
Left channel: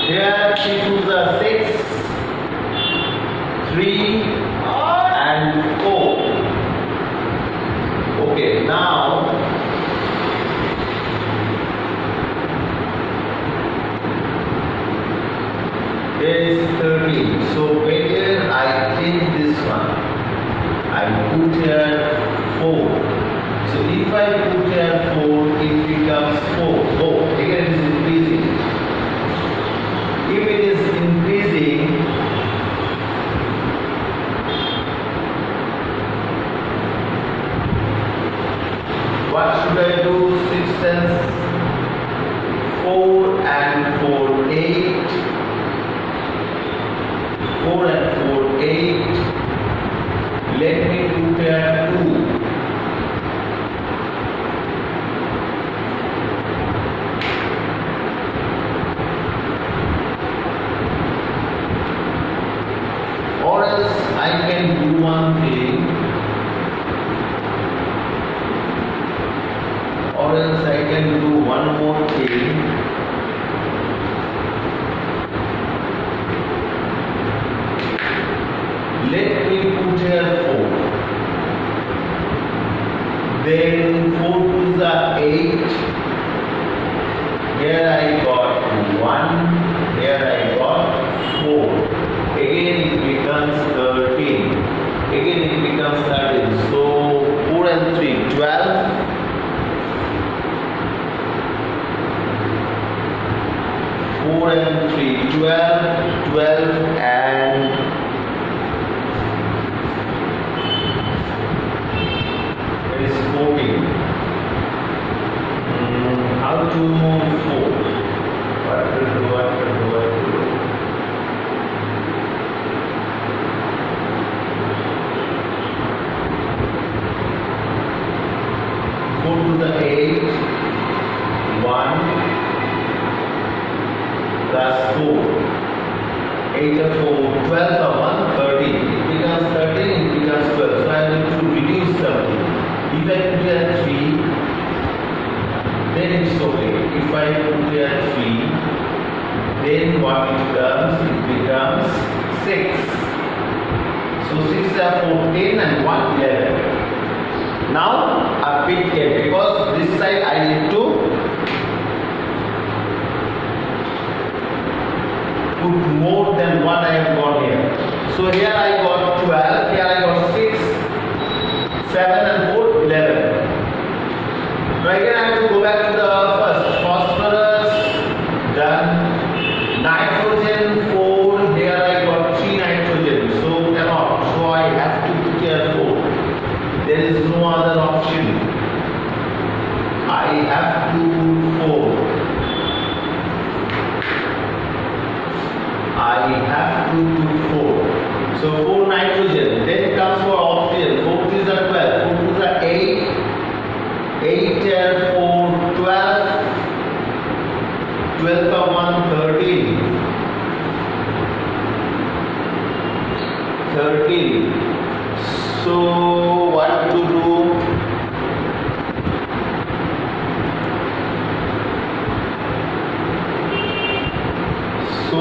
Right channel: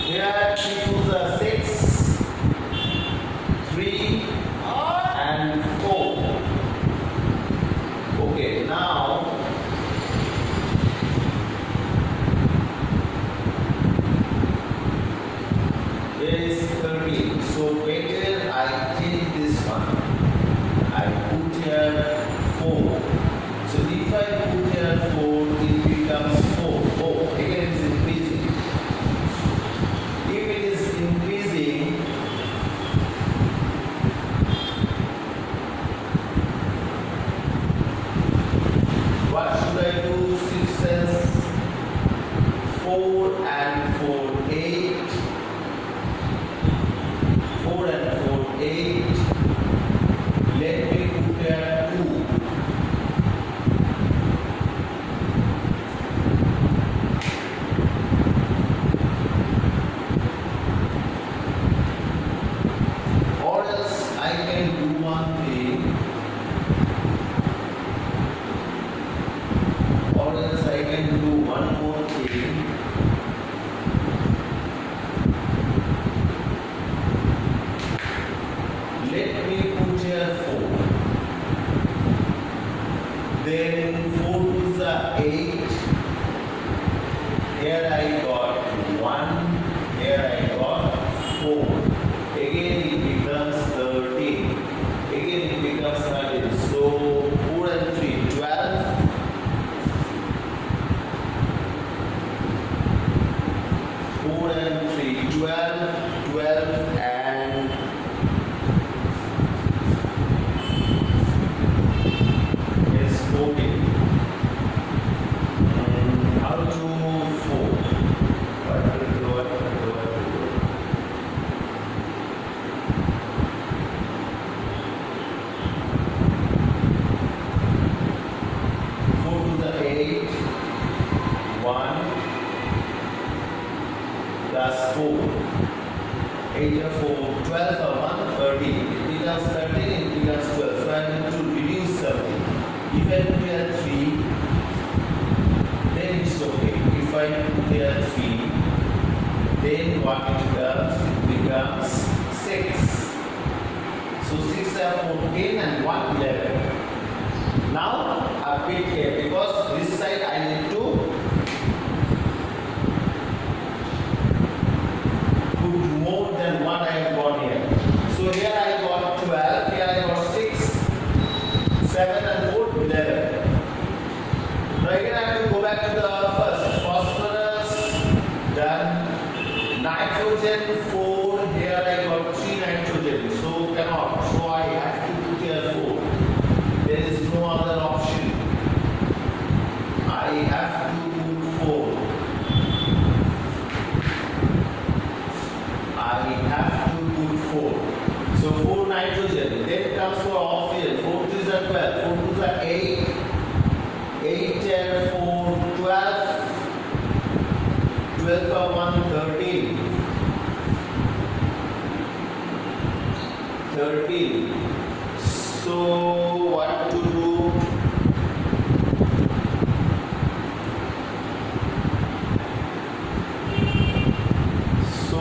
Here 3 2s are 6, 3 and 4. Okay, now here is 13. So better I take this one. I put here 4. So if I put here 4, it becomes 4. Oh, again it is increasing. If it is increasing, what should I do? 6 and 4 and 4, 8. 4 and 4, 8. Let me put here 2. Or else I can do one thing. Or else I can do one more thing. Let me put here 4. Then 4 2s are 8. Here I got 1. Here I got 4. Again it becomes 13. Again it becomes 13. So 4 and 3, 12. 4 and 3, 12. 12 and Now to 4. What to do? 4 to the 8. 1 plus 4. 8 or 4. 12 or 1. 13. It becomes 13. It becomes 12. So I need to reduce something. If I put here 3, then it's okay. If I put here 3, then what it becomes 6. So 6 are 14 and 1 11. Now a bit here because this side I need to put more than what I have got here. So here I got 12, here I got 6, 7 and 4, 11. Now again I have to go back to the first. Phosphorus, done. Nitrogen 4, here I got 3 nitrogen. So cannot. So I have to put here 4. There is no other option. I have to put 4. I have to put 4. So 4 nitrogen. Then comes for oxygen. 4 is a 12. 4 is a 8. 8 4 12. 12 for 1 13. 13. So what to do? So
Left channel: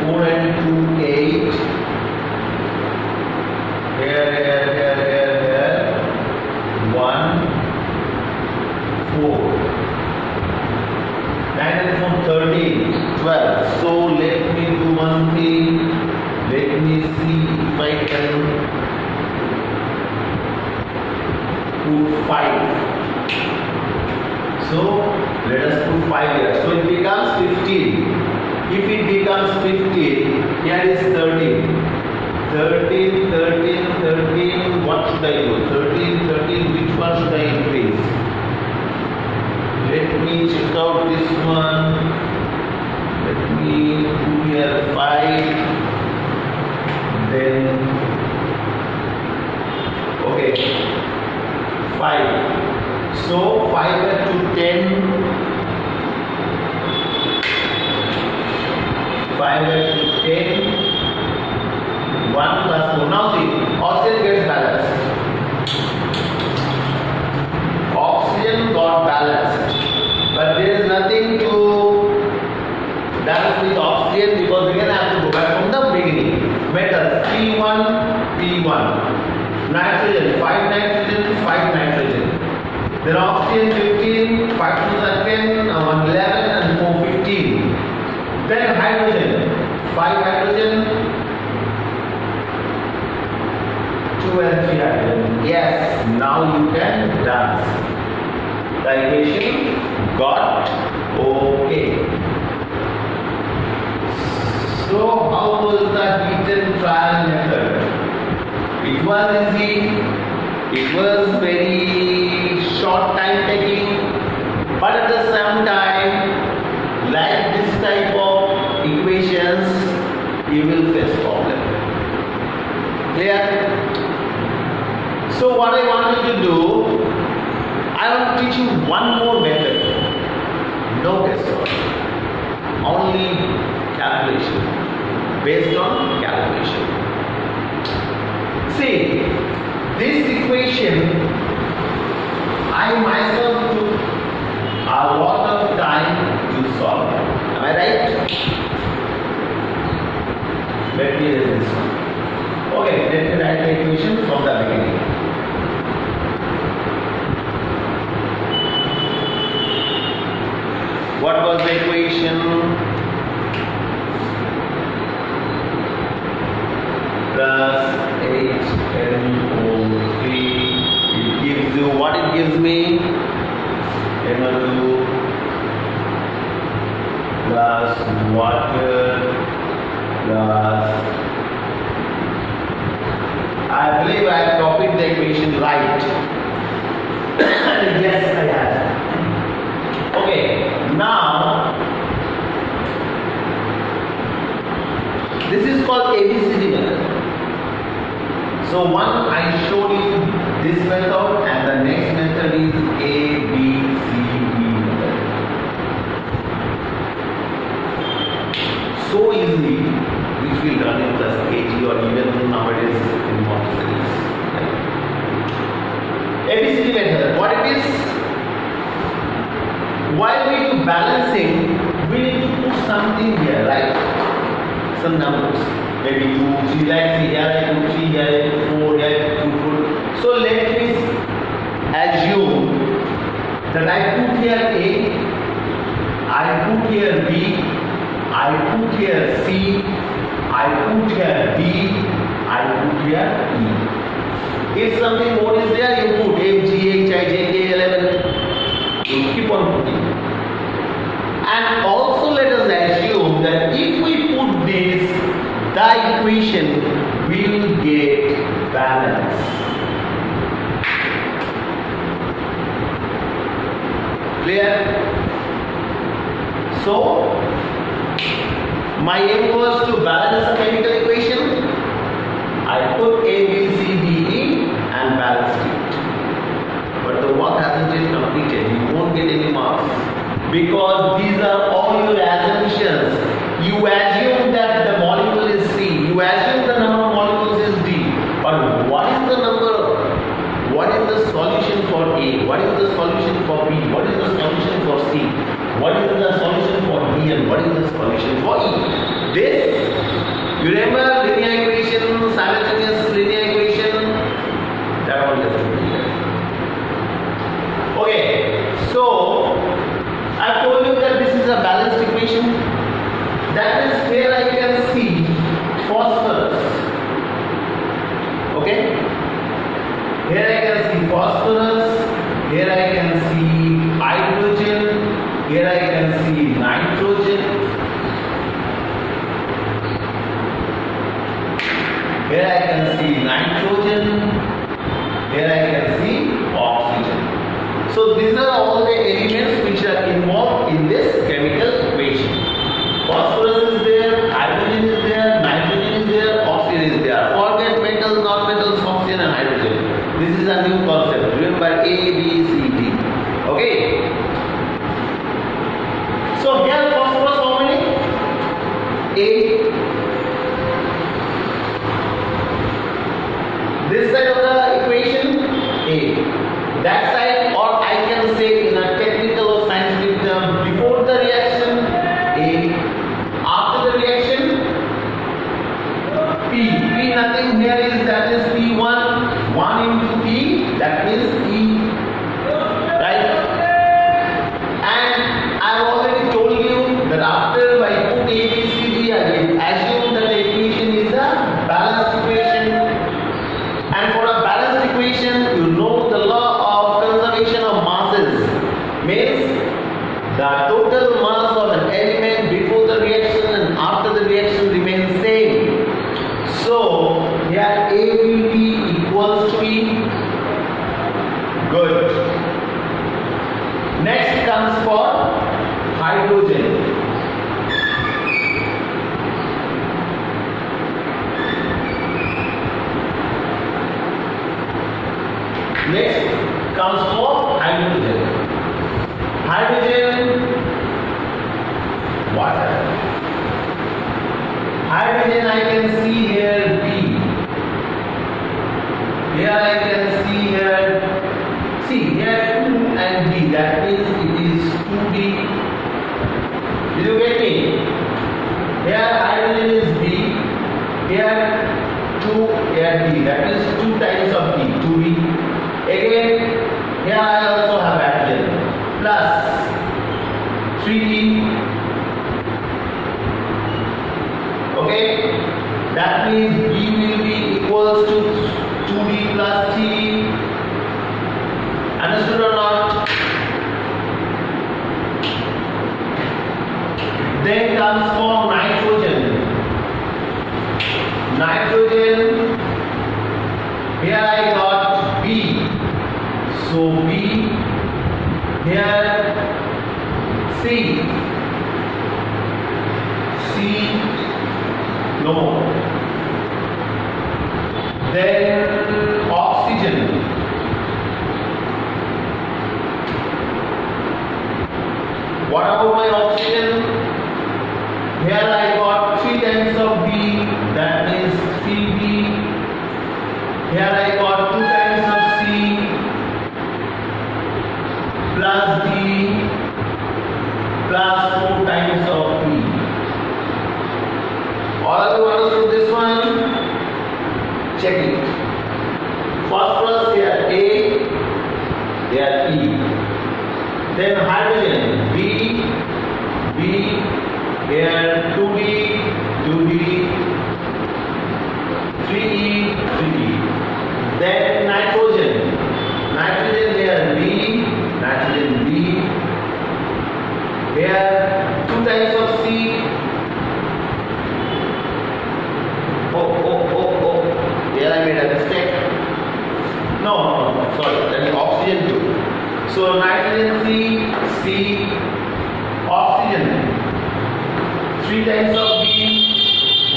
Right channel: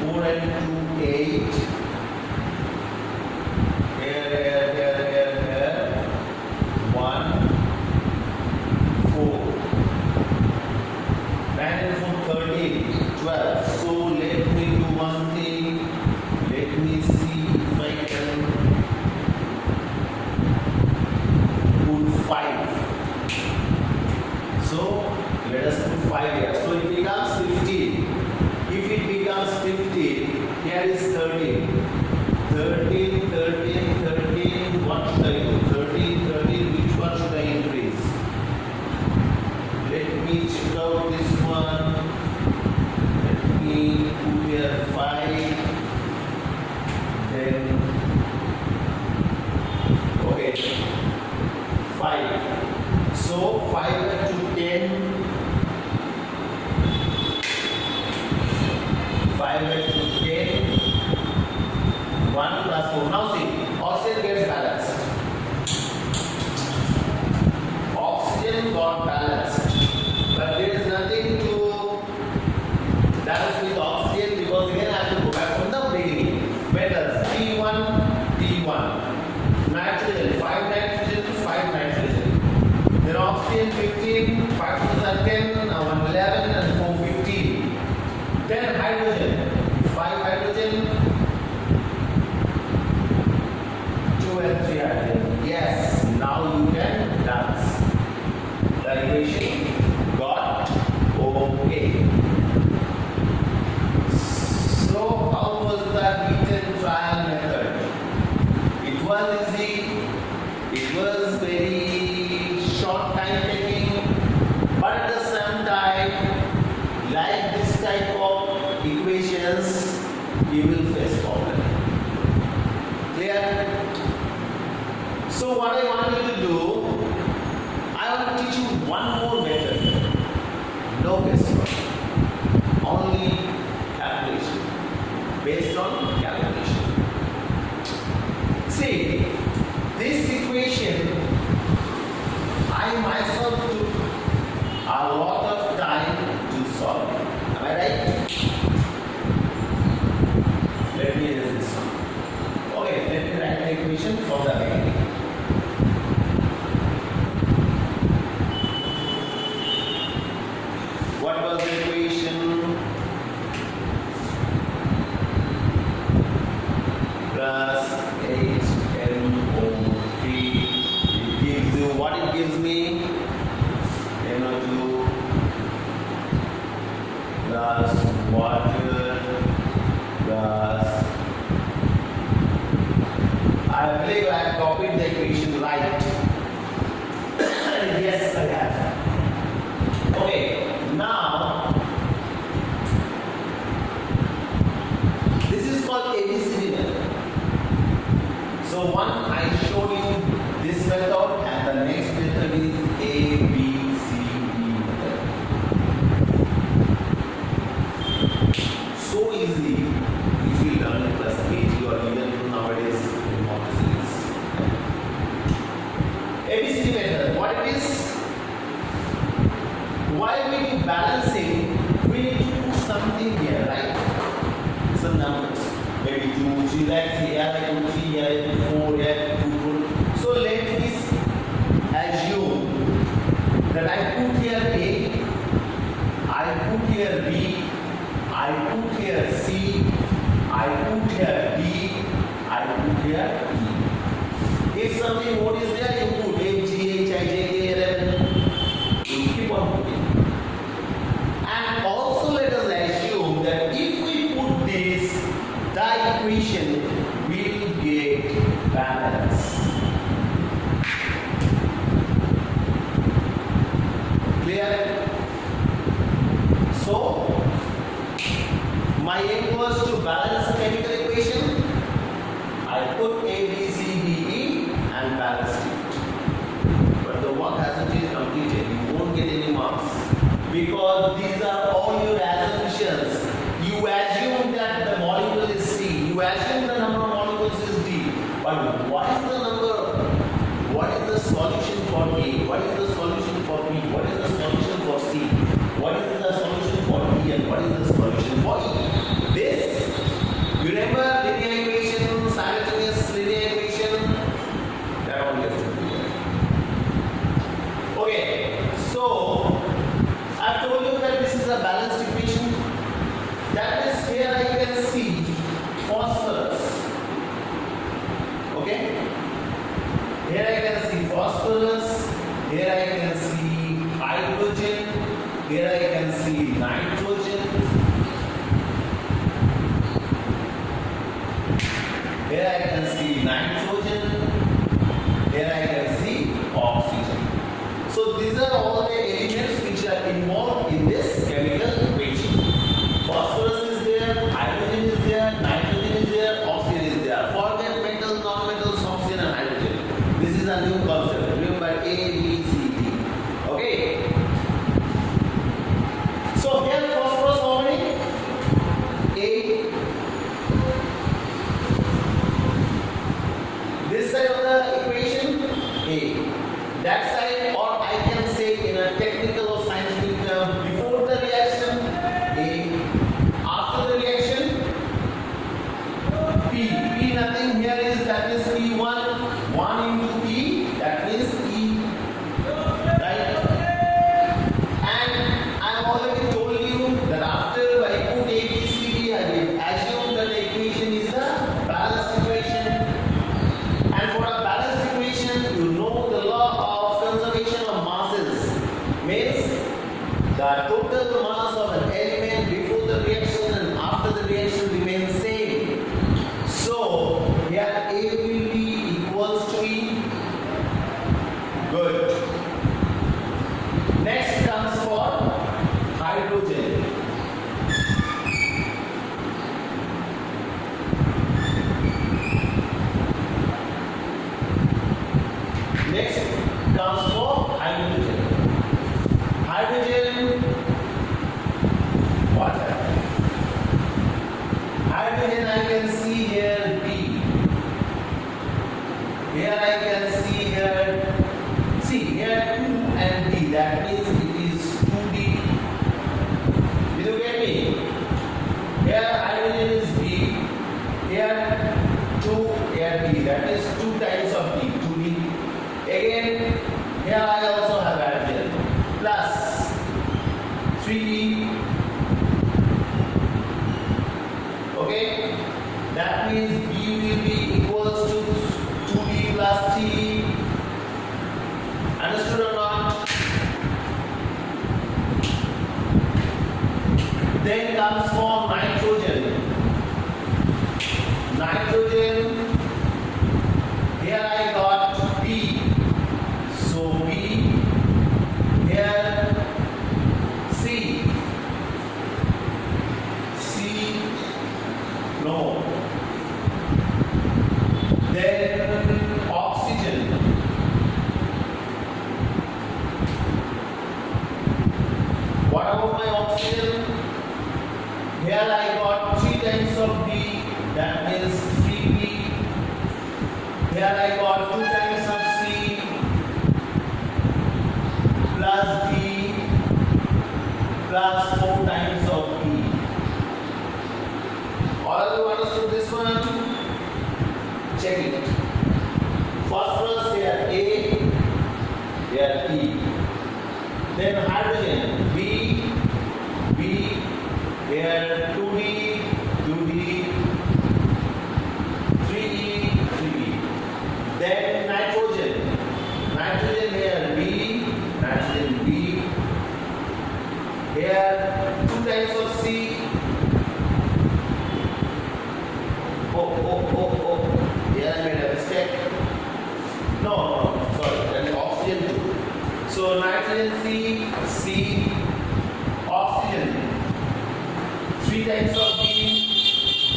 4 and 2 8. Here 1 4. 9 and 4 13 12. So let me do one thing. Let me see if I can put 5. So let us put 5 here. So it becomes 15. If it becomes 15, here is 13. 13, 13, 13. What should I do? 13, 13. Which one should I increase? Let me check out this one. Let me put here 5. Then okay, 5. So 5 to 10. 5 to 10. 1 plus 4. Now see, oxygen gets balanced. Oxygen got balanced, but there is nothing to balance with oxygen because again I have to go back from the beginning. Metals P1, P1. Nitrogen 5 nitrogen, 5 nitrogen. Then oxygen 15, 5 to the 10, 1 11 and 4 15. Then hydrogen 5 hydrogen, 2 and 3 hydrogen. Yes, now you can dance. The equation got okay. So how was the heat and trial method? It was easy. It was very short time taking, but at the same time, like this type of equations, you will face problem. Clear? So what I want you to do, I want to teach you one more method. No guesswork. Only calculation. Based on calculation. See, this equation, I myself took a lot of time to solve it. Am I right? Let me erase this one. Okay, let me write the equation from the beginning. What was the equation? Plus HNO3. It gives you what it gives me? NO2 plus water plus. I believe I have copied the equation right. Yes, I have. So one I showed you this method, and the next method is A, B, C, D method. So easy, which we learn in plus KG or even nowadays in Montessori. ABCD method, what it is? While we do balancing, we need to put something here, right? Some numbers, maybe 2, 3, like here I put 3, here I put 4, here I put 4. So let me assume that I put here A, I put here B, I put here C, I put here D, I put here E. If something more is there, you put F, G, H, I, J, K, L, M. You keep on putting. And also let us assume that if we put this, the equation will get balance. Clear? So, my aim was to balance the chemical equation. I put A, B, C, D, E and balanced it. But the work hasn't been completed. You won't get any marks. Because these are all your assumptions. You assume that the molecule is C. You assume the number of molecules is D. But what is the number? What is the solution for A? What is the solution for B? What is the solution for C? What is the solution for D? And what is the solution for E? This, you remember linear equation, simultaneous linear equation? That one you have to do here. Okay, so I've told you that this is a balanced equation. That is where I can see phosphorus. Okay? Here I can see phosphorus. Here I can see hydrogen. Here I can see nitrogen. Here I can see nitrogen. Here I can see oxygen. So these are all the elements which are involved in this chemical equation. Phosphorus is there, hydrogen is there, nitrogen is there, oxygen is there. Forget metals, non-metals, oxygen and hydrogen. This is a new concept. Remember A, B, C, D. Okay. So here phosphorus how many? A. This side of the equation, A. That side, or I can say in a technical or scientific term, before the reaction, A. After the reaction, P. P nothing here is, that is P1. 1 into P, that means E. Right? And I have already told you that after I put A, B, C, D, I will assume that the equation is a balanced equation. And for a balanced equation, you know the law of conservation of masses. Means the total mass of an element before the reaction and after the reaction remains same. So here A will be equals to E. Good. Next comes for hydrogen. Next comes for hydrogen. Hydrogen, water. Hydrogen I can see here B. Here I can see here C. Here 2 and D. That means it is 2D. Did you get me? Here hydrogen is B. Here 2, here D. That is 2 times of D. 2D. Again, here I also have hydrogen plus 3D. Okay, that means B will be equals to 2D plus 3D. Understood or not? Then comes for nitrogen. Nitrogen, here I got B. So B, here C, no. Then What about my oxygen? Here I got 3 times of B, that means 3B. Here I got 2 times of C plus D plus 4 times of E. All of you understood this one? Check it. Phosphorus here A, here E. Then hydrogen B, here 2B, 3E, 3E. Then nitrogen here B, here 2 times of C. Oh, here I made a mistake. No, sorry, that is oxygen 2. So nitrogen C, oxygen 3 times of B,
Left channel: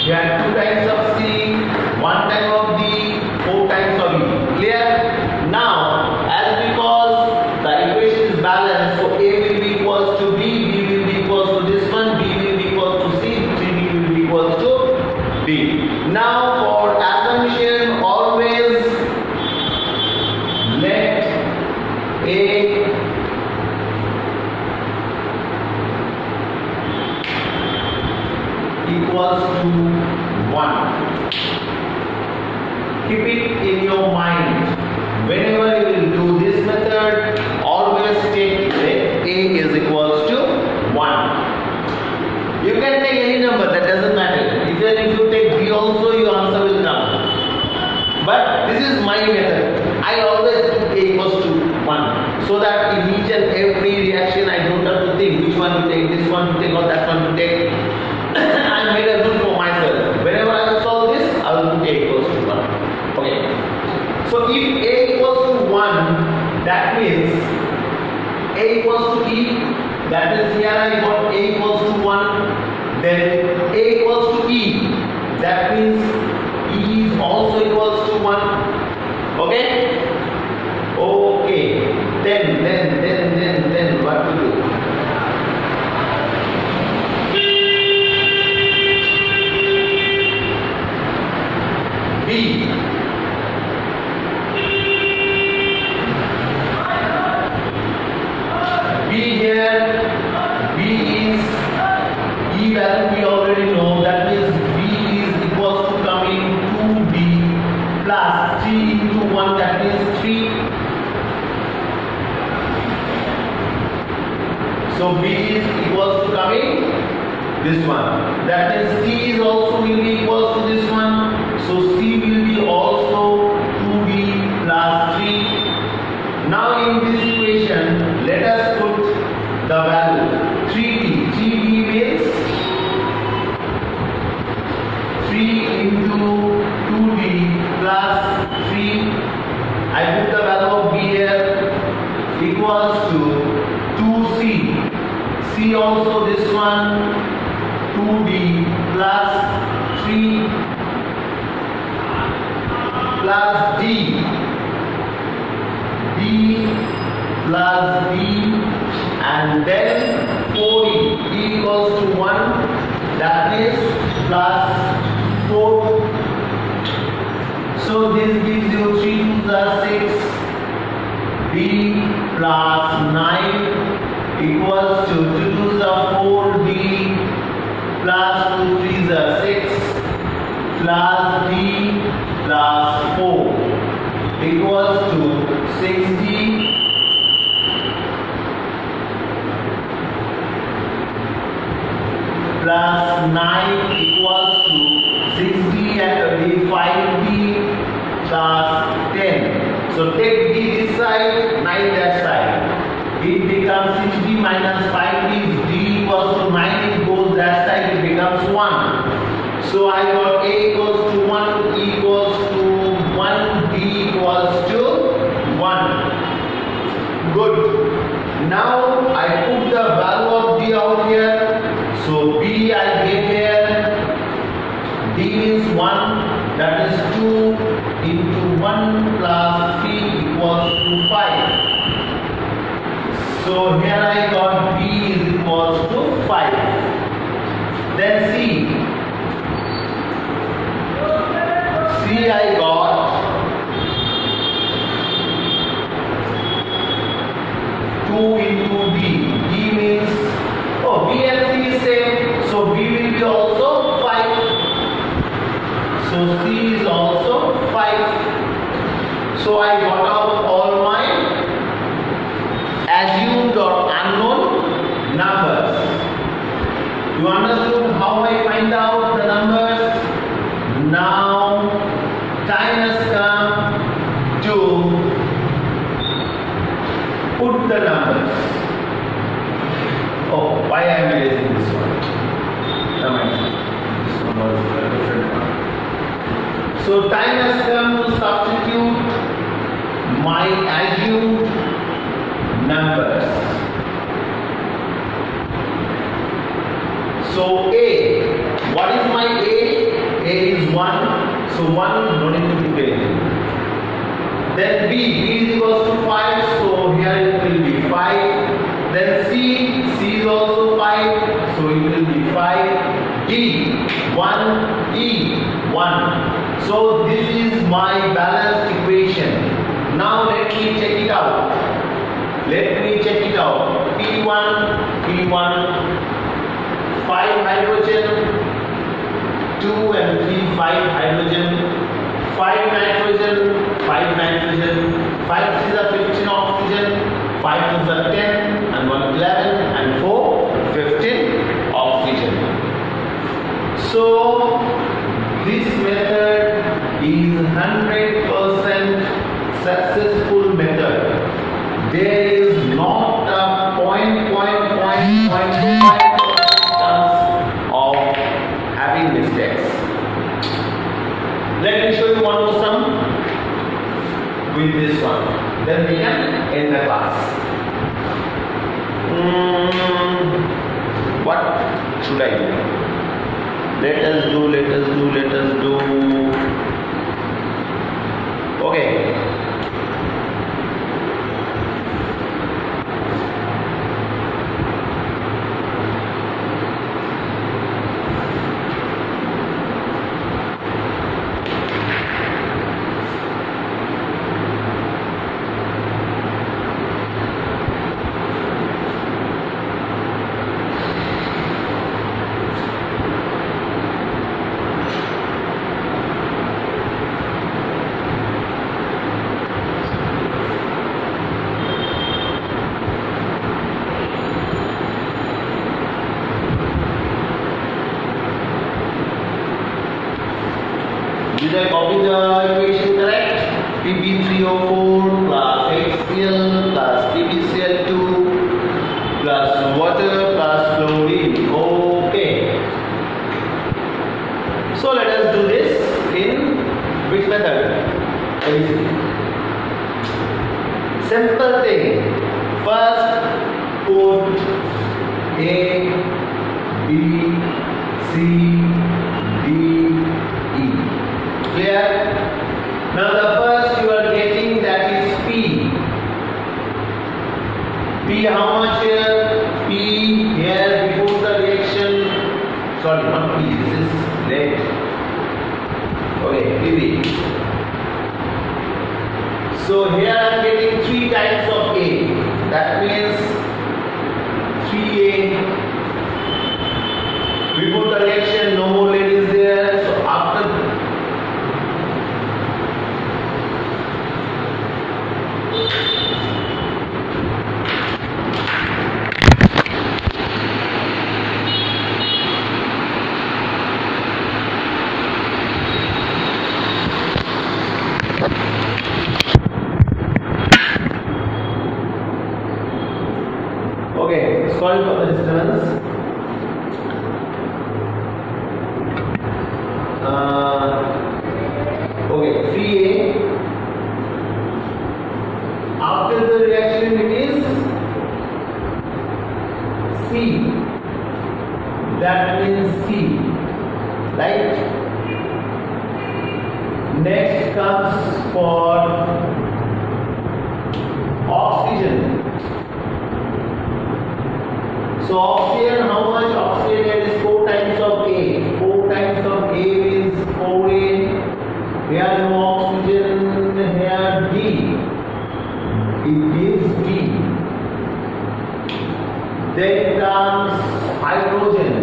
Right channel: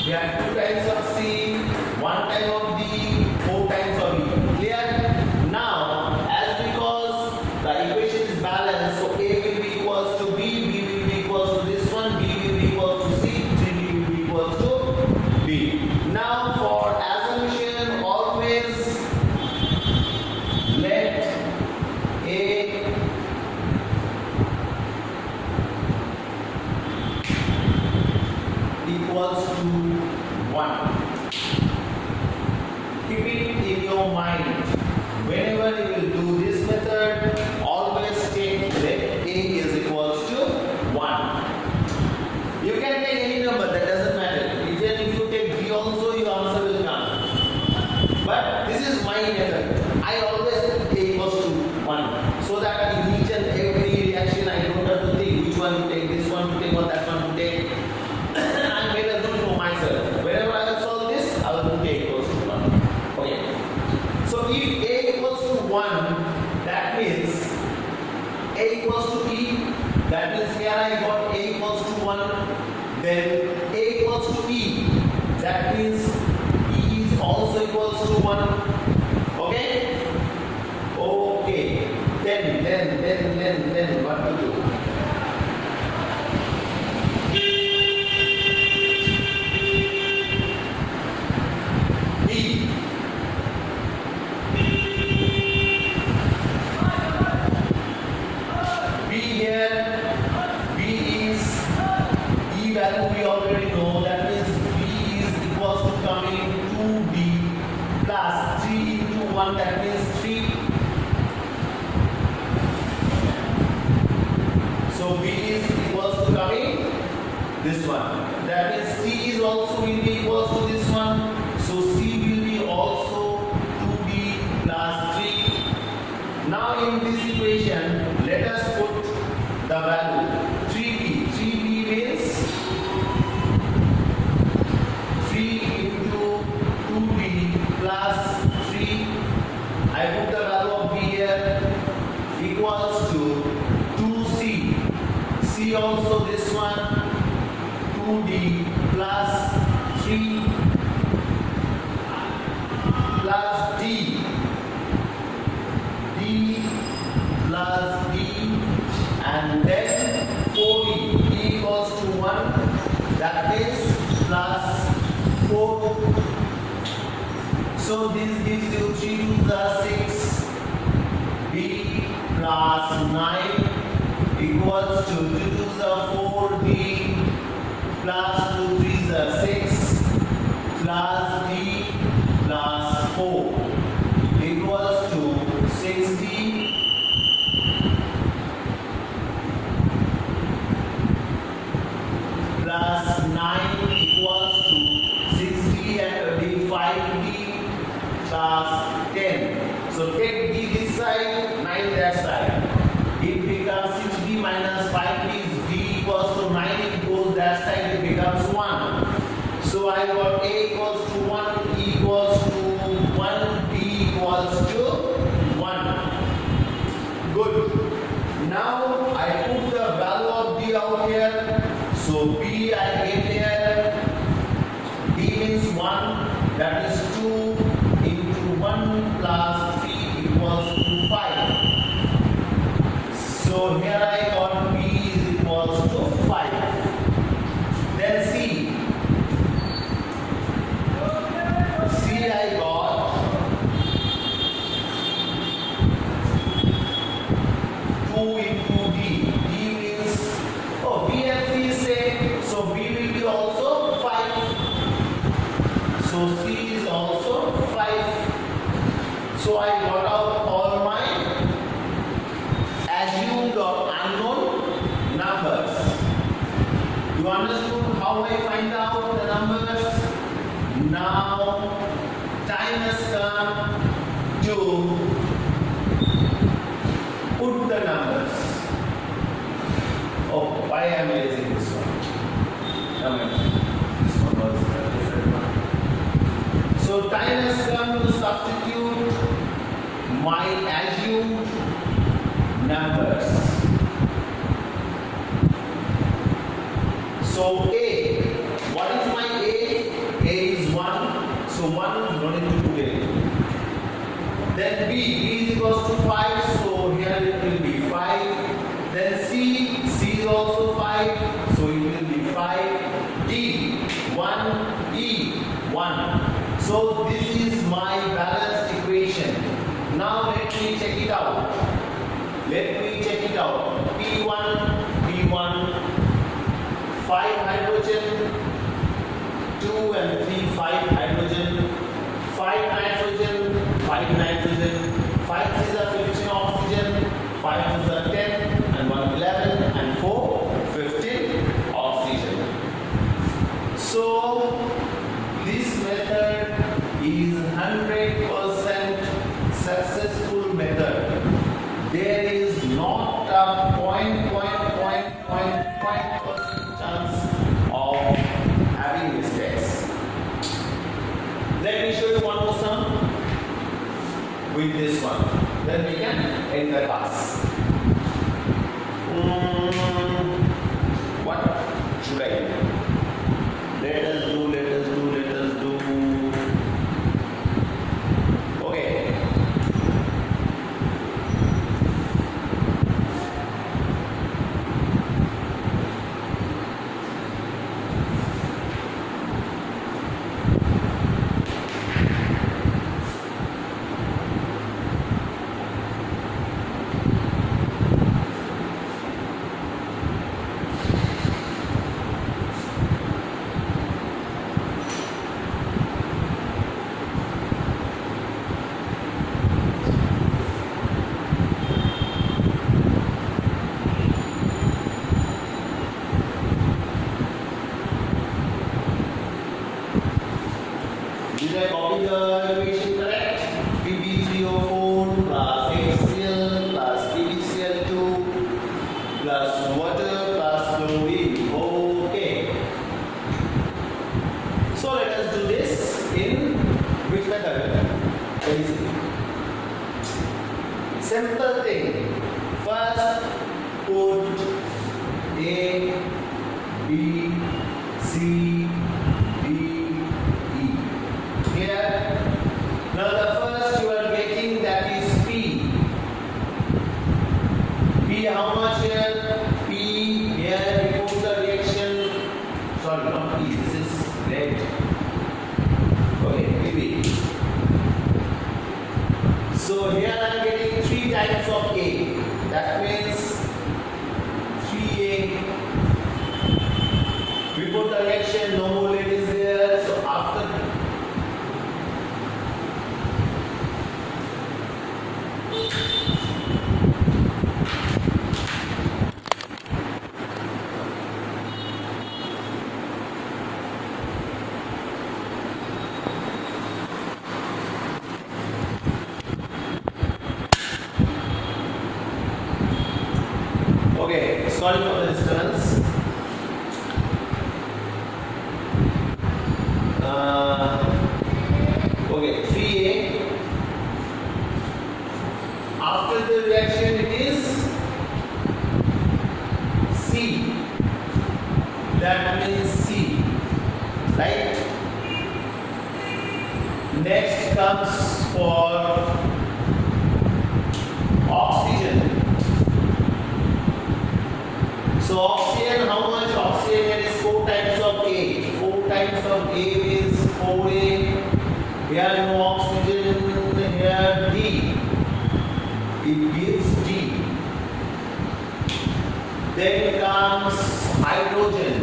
we have 2 times of C, 1 time of D, 4 times of E. Clear? Now, as because the equation is balanced, so A will be equals to B, B will be equals to this one, B will be equals to C, D will be equals to D. Now, for assumption, always let A equals to 1. Keep it in your mind. Whenever you will do this method, always take let A is equals to 1. You can take any number, that doesn't matter. Even if you take B also, your answer will come. But this is my method. I always put A equals to 1. So that in each and every reaction, I don't have to think which one to take, this one to take or that one to take. I made a rule for myself. Whenever I will solve this, I will put A equals to 1. Okay. So if A equals to 1, that means A equals to E. That means here I got A equals to 1. Then A equals to E. That means E is also equals to 1. Okay? Okay. Then what to do? B. Here, B is E value we already know, that means B is equals to coming 2B plus 3 into 1, that means 3. So B is equals to coming this one, that means C is also will be equals to this one, so C will be also 2B plus 3. Now in this equation, let us put the value 3B. 3B means 3 into 2B plus 3. I put the value of B here equals to 2C. C also this one 2D plus 3 plus D. D plus D. And then 4E, E equals to 1, that is plus 4. So this gives you 3 to the 6, B plus 9 equals to 2 to the 4, B plus 2 3 the 6 plus D plus 4 equals to 60. Plus 9 equals to 60 and 5D plus 10. So take D this side, 9 that side. It becomes 6D minus 5D. D equals to 9, it goes that side, it becomes 1. So I got A equals to 1, E equals to 1, D equals to 1. Good. Now I put the value of D out here. So B I get here, D means 1, that is 2 into 1 plus 3 equals to 5. So here I got B is equal So C is also 5. So I got out all my assumed or unknown numbers. You understood how I find out the numbers? Now time has come to put the numbers. Oh, why I am erasing this one? This one was a different one. So time has come to substitute my assumed numbers. So A, what is my A? A is 1. So 1, no need to put A. Then B is equals to 5. So here it will be 5. Then C is also 5. So it will be 5. D, 1. E, 1. So this is my balanced equation. Now let me check it out. P1, 5 hydrogen, 2 and 3, 5 hydrogen, 5 nitrogen, 5 nitrogen, 5 is a 15 oxygen, 5 is a 10, and 1 11, and 4 15 oxygen. So this method is 100% successful method. There is not a point chance of having mistakes. Let me show you one more sum with this one. Then we can end the class. What should I do? Let us do. Okay. Did I copy the equation correct? Pb3O4 plus HCl plus PbCl2 plus water plus fluorine. Okay. So let us do this in which method? Very simple thing. First put A, B, C, D, E. Clear? Now the first you are getting, that is P. P how much here? P here before the reaction. Sorry, not P. This is lead. Okay, Pb. So here I am getting 3 types of A. That means 3A. Before the reaction, no more lead is there. So after okay, sorry for the disturbance. Okay, 3A. After the reaction it is C. That means C. Right? Next comes for oxygen. So oxygen, how much oxygen? There is 4 times of A. 4 times of A means 4A. Here no oxygen, here D. It gives D. Then comes hydrogen.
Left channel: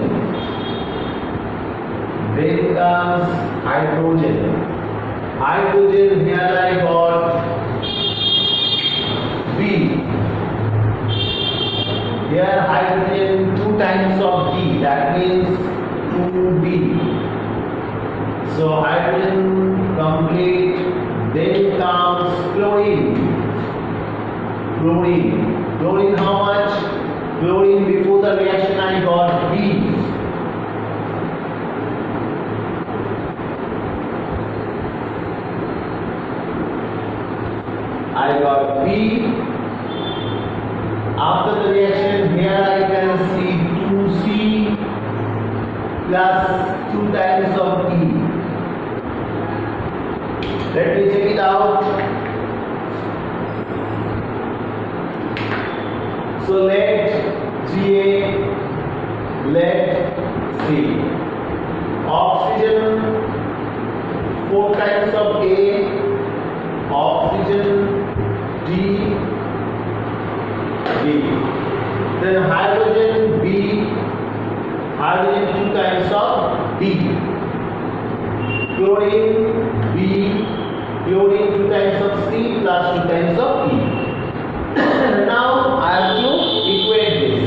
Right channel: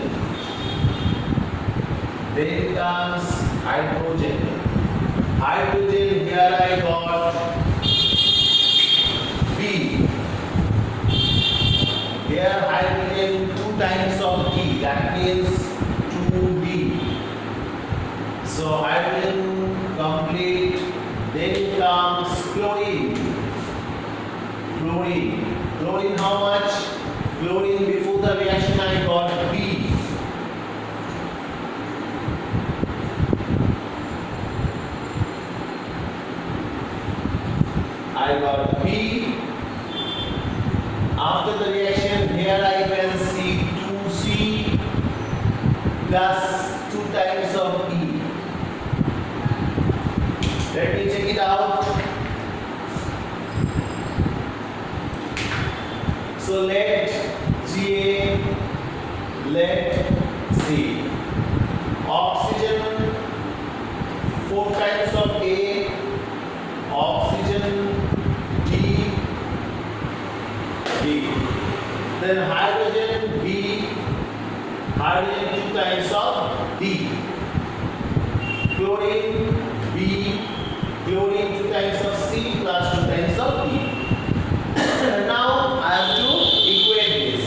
Then comes hydrogen. Hydrogen, here I got B. Here hydrogen 2 times of B, that means 2B. So hydrogen complete. Then comes chlorine. Chlorine. Chlorine how much? Chlorine before the reaction I got B. I got B. After the reaction, here I can see 2C plus 2 times of E. Let me check it out. So let Ga, let C. Oxygen 4 times of A. Oxygen D. Then hydrogen B. Hydrogen 2 times of D. Chlorine B. Chlorine 2 times of C plus 2 times of E. Now I have to equate this.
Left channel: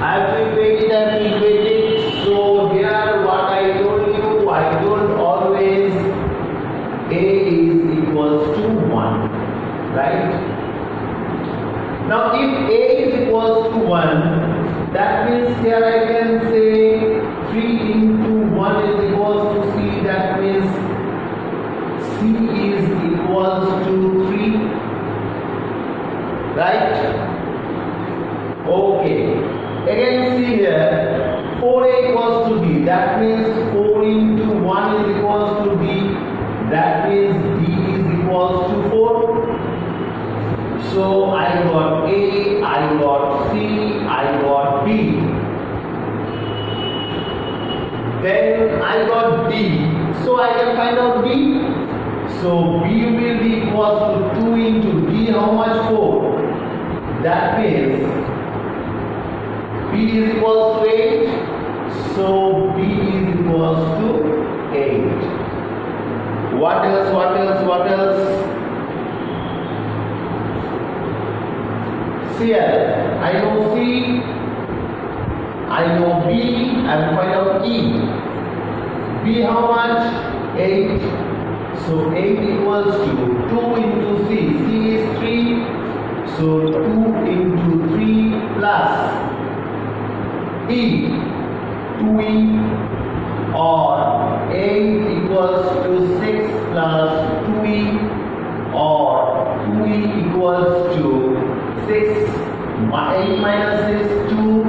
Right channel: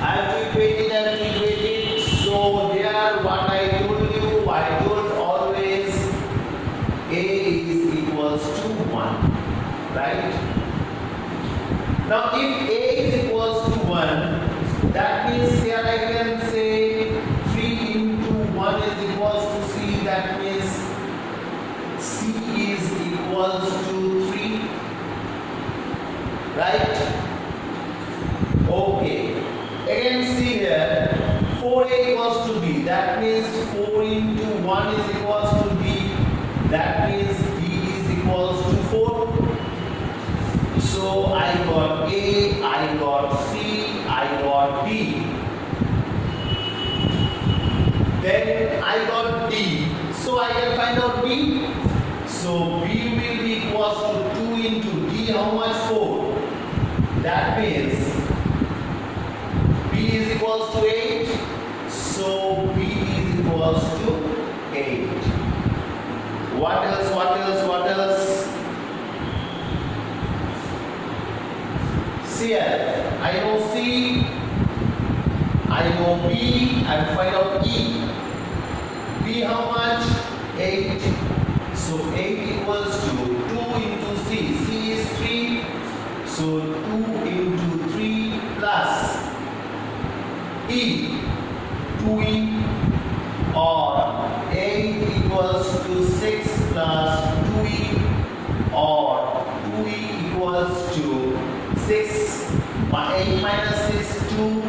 I have to equate it. So here what I told you, I told always A is equals to 1. Right? Now if A is equals to 1, that means here I can say 3 into 1 is equals to C. That means C is equals to 3. Right? Okay. Again see here 4A equals to B. That means 4 into 1 is equals to B. That means B is equals to 4. So I got A, I got C, I got D. Then I got D. So I can find out D. So B will be equals to 2 into D. How much? 4. That means B is equals to 8. So B is equals to 8. What else? Cl. I know C, I know B, and find out E. B how much? 8. So 8 equals to 2 into C. C is 3. So 2 into 3 plus E. 2E, or 8 equals to 6 plus 2E, or 2E equals to 6. 8 minus 6, 2.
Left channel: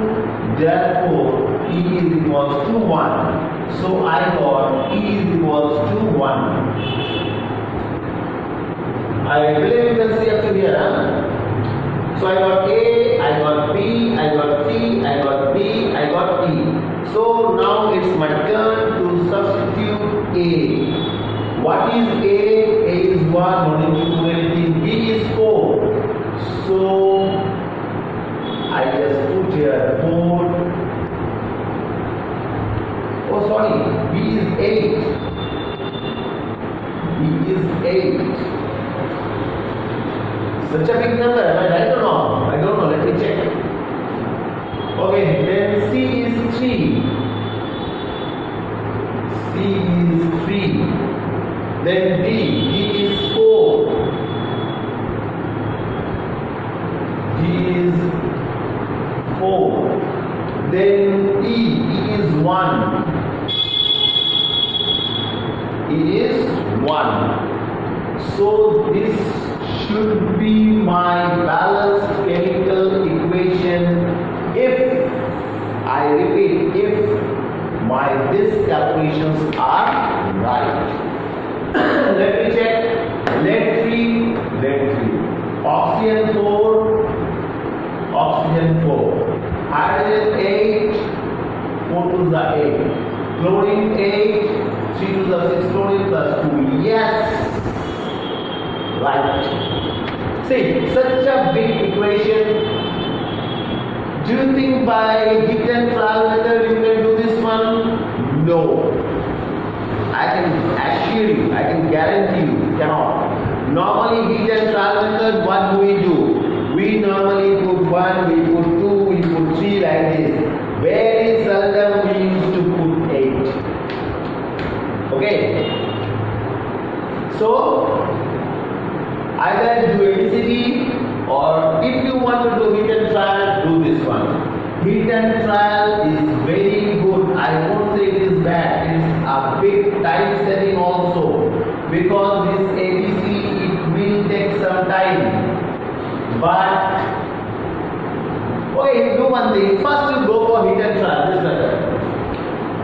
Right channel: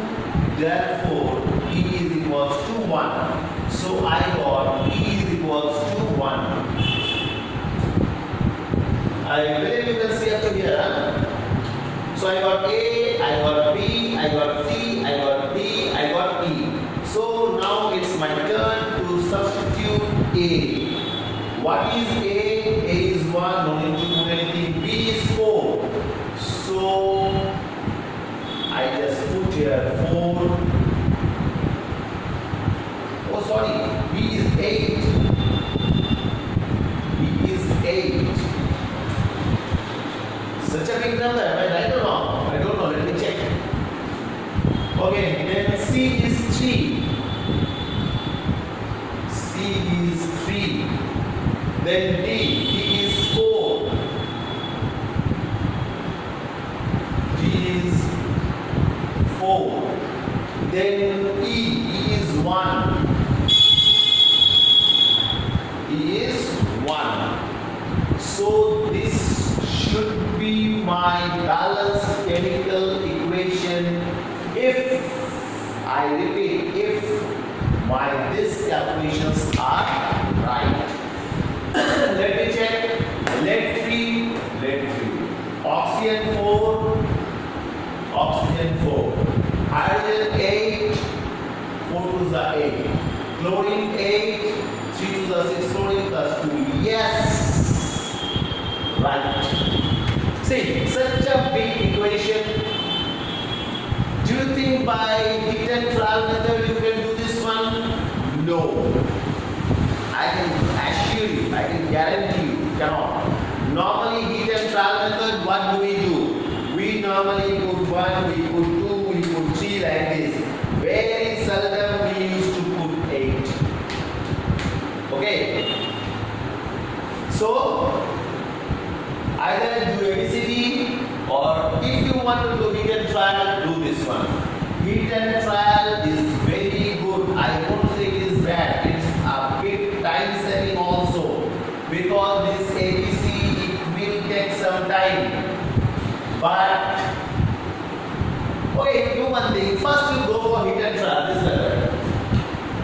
Therefore, E is equals to 1. So I got E is equals to 1. I believe you can see up to here. So I got A, I got B, I got C, I got D, I got E. So now it's my turn to substitute A. What is A? A is 1, no need to do anything. B is 4. So I just put here 4. Oh sorry, B is 8. B is 8. Such a big number, am I right or wrong? I don't know, let me check. Okay, then C is 3. C is 3. Then D is 4. D is 4. Then E is 1. E is 1. So this should be my balanced chemical equation if, I repeat, if my these calculations are right. Let me check. Lead 3, oxygen 4, oxygen 4, hydrogen 8, 4 to the 8, chlorine 8, 3 to the 6, chlorine plus 2. Yes, right. See, such a big equation. Do you think by heat and flour method you can do this one? No. I can assure you, I can guarantee you, cannot. Normally heat and trial method, what do? We normally put 1, we put 2, we put 3 like this. Very seldom we used to put 8. Okay. So either do ABCD, or if you want to do heat and trial, do this one. Heat and trial is very good. I won't say it is bad. It's a big time saving also, because this ABC it will take some time. But okay, you do one thing. First you go for heat and trial, this method.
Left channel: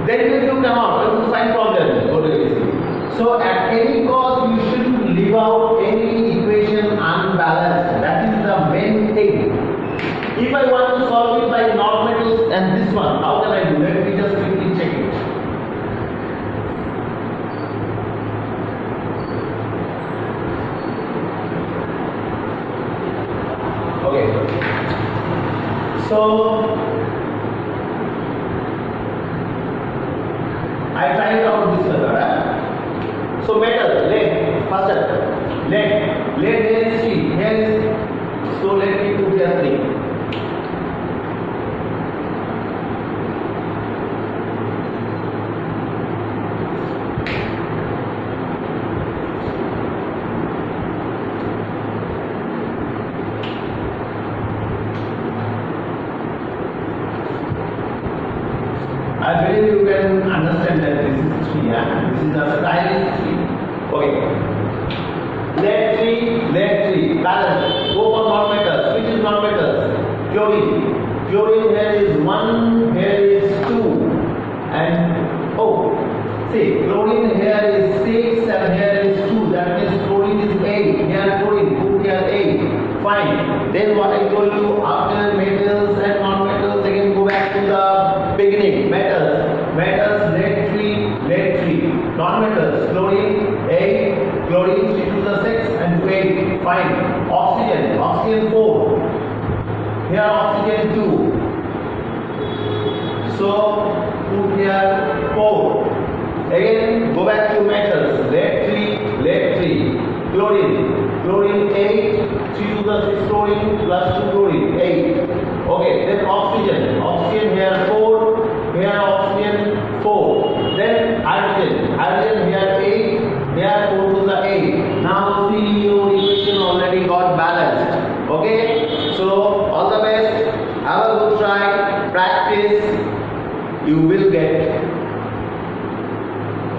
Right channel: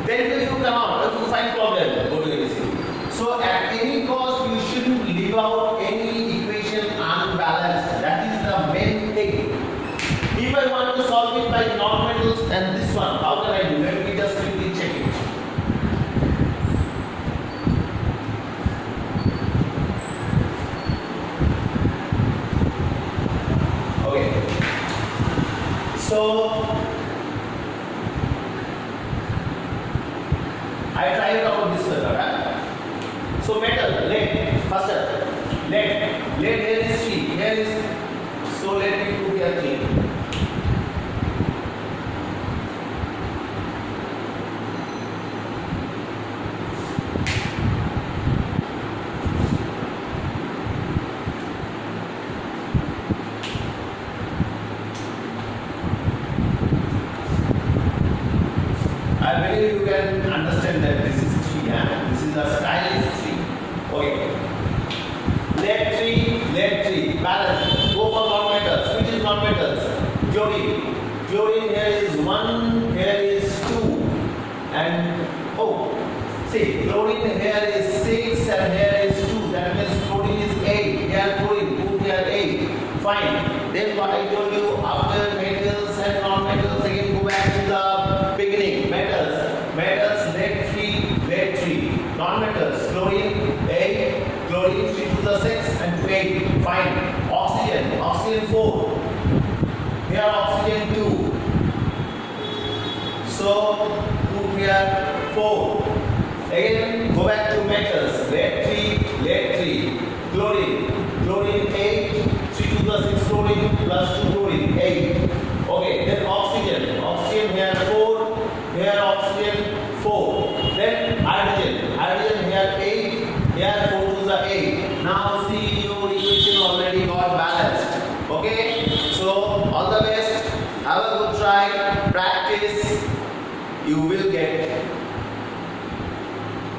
Then if you come out, if you find problem, go to ABCD. So at any cost you shouldn't leave out any equation unbalanced. That is the main thing. If I want to solve it by non-metals and this one, how can I do? Let me just quickly check it. Okay. So I tried out this method. So metal, lead, first step. Lead here is 3. Here is, so let me put here 3. I believe you can understand that this is 3, this is a stylish 3. Okay. Lead 3, balance. Go for non-metals. Which is non-metals? Chlorine. Chlorine here is 1, here is 2. And oh, see, chlorine here is 6 and here is 2. That means chlorine is 8. Here chlorine, put here 8. Fine. Then what I told you, after metals and non-metals, again go back to the beginning. Metals, lead 3. Non-metals, chlorine 8, chlorine 3 to the 6 and 8. Fine. Oxygen 4. Here oxygen 2. So put here 4. Again go back to metals. Lead 3. Chlorine 8. 3 to the 6 chlorine plus 2 chlorine 8. Okay. Then oxygen here 4. Here oxygen 4. Then hydrogen here 8. Here 4 to the 8. Now see your equation already got balanced. Okay. So all the best. Have a good try. Practice. You will get.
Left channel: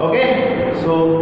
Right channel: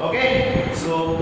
Okay. So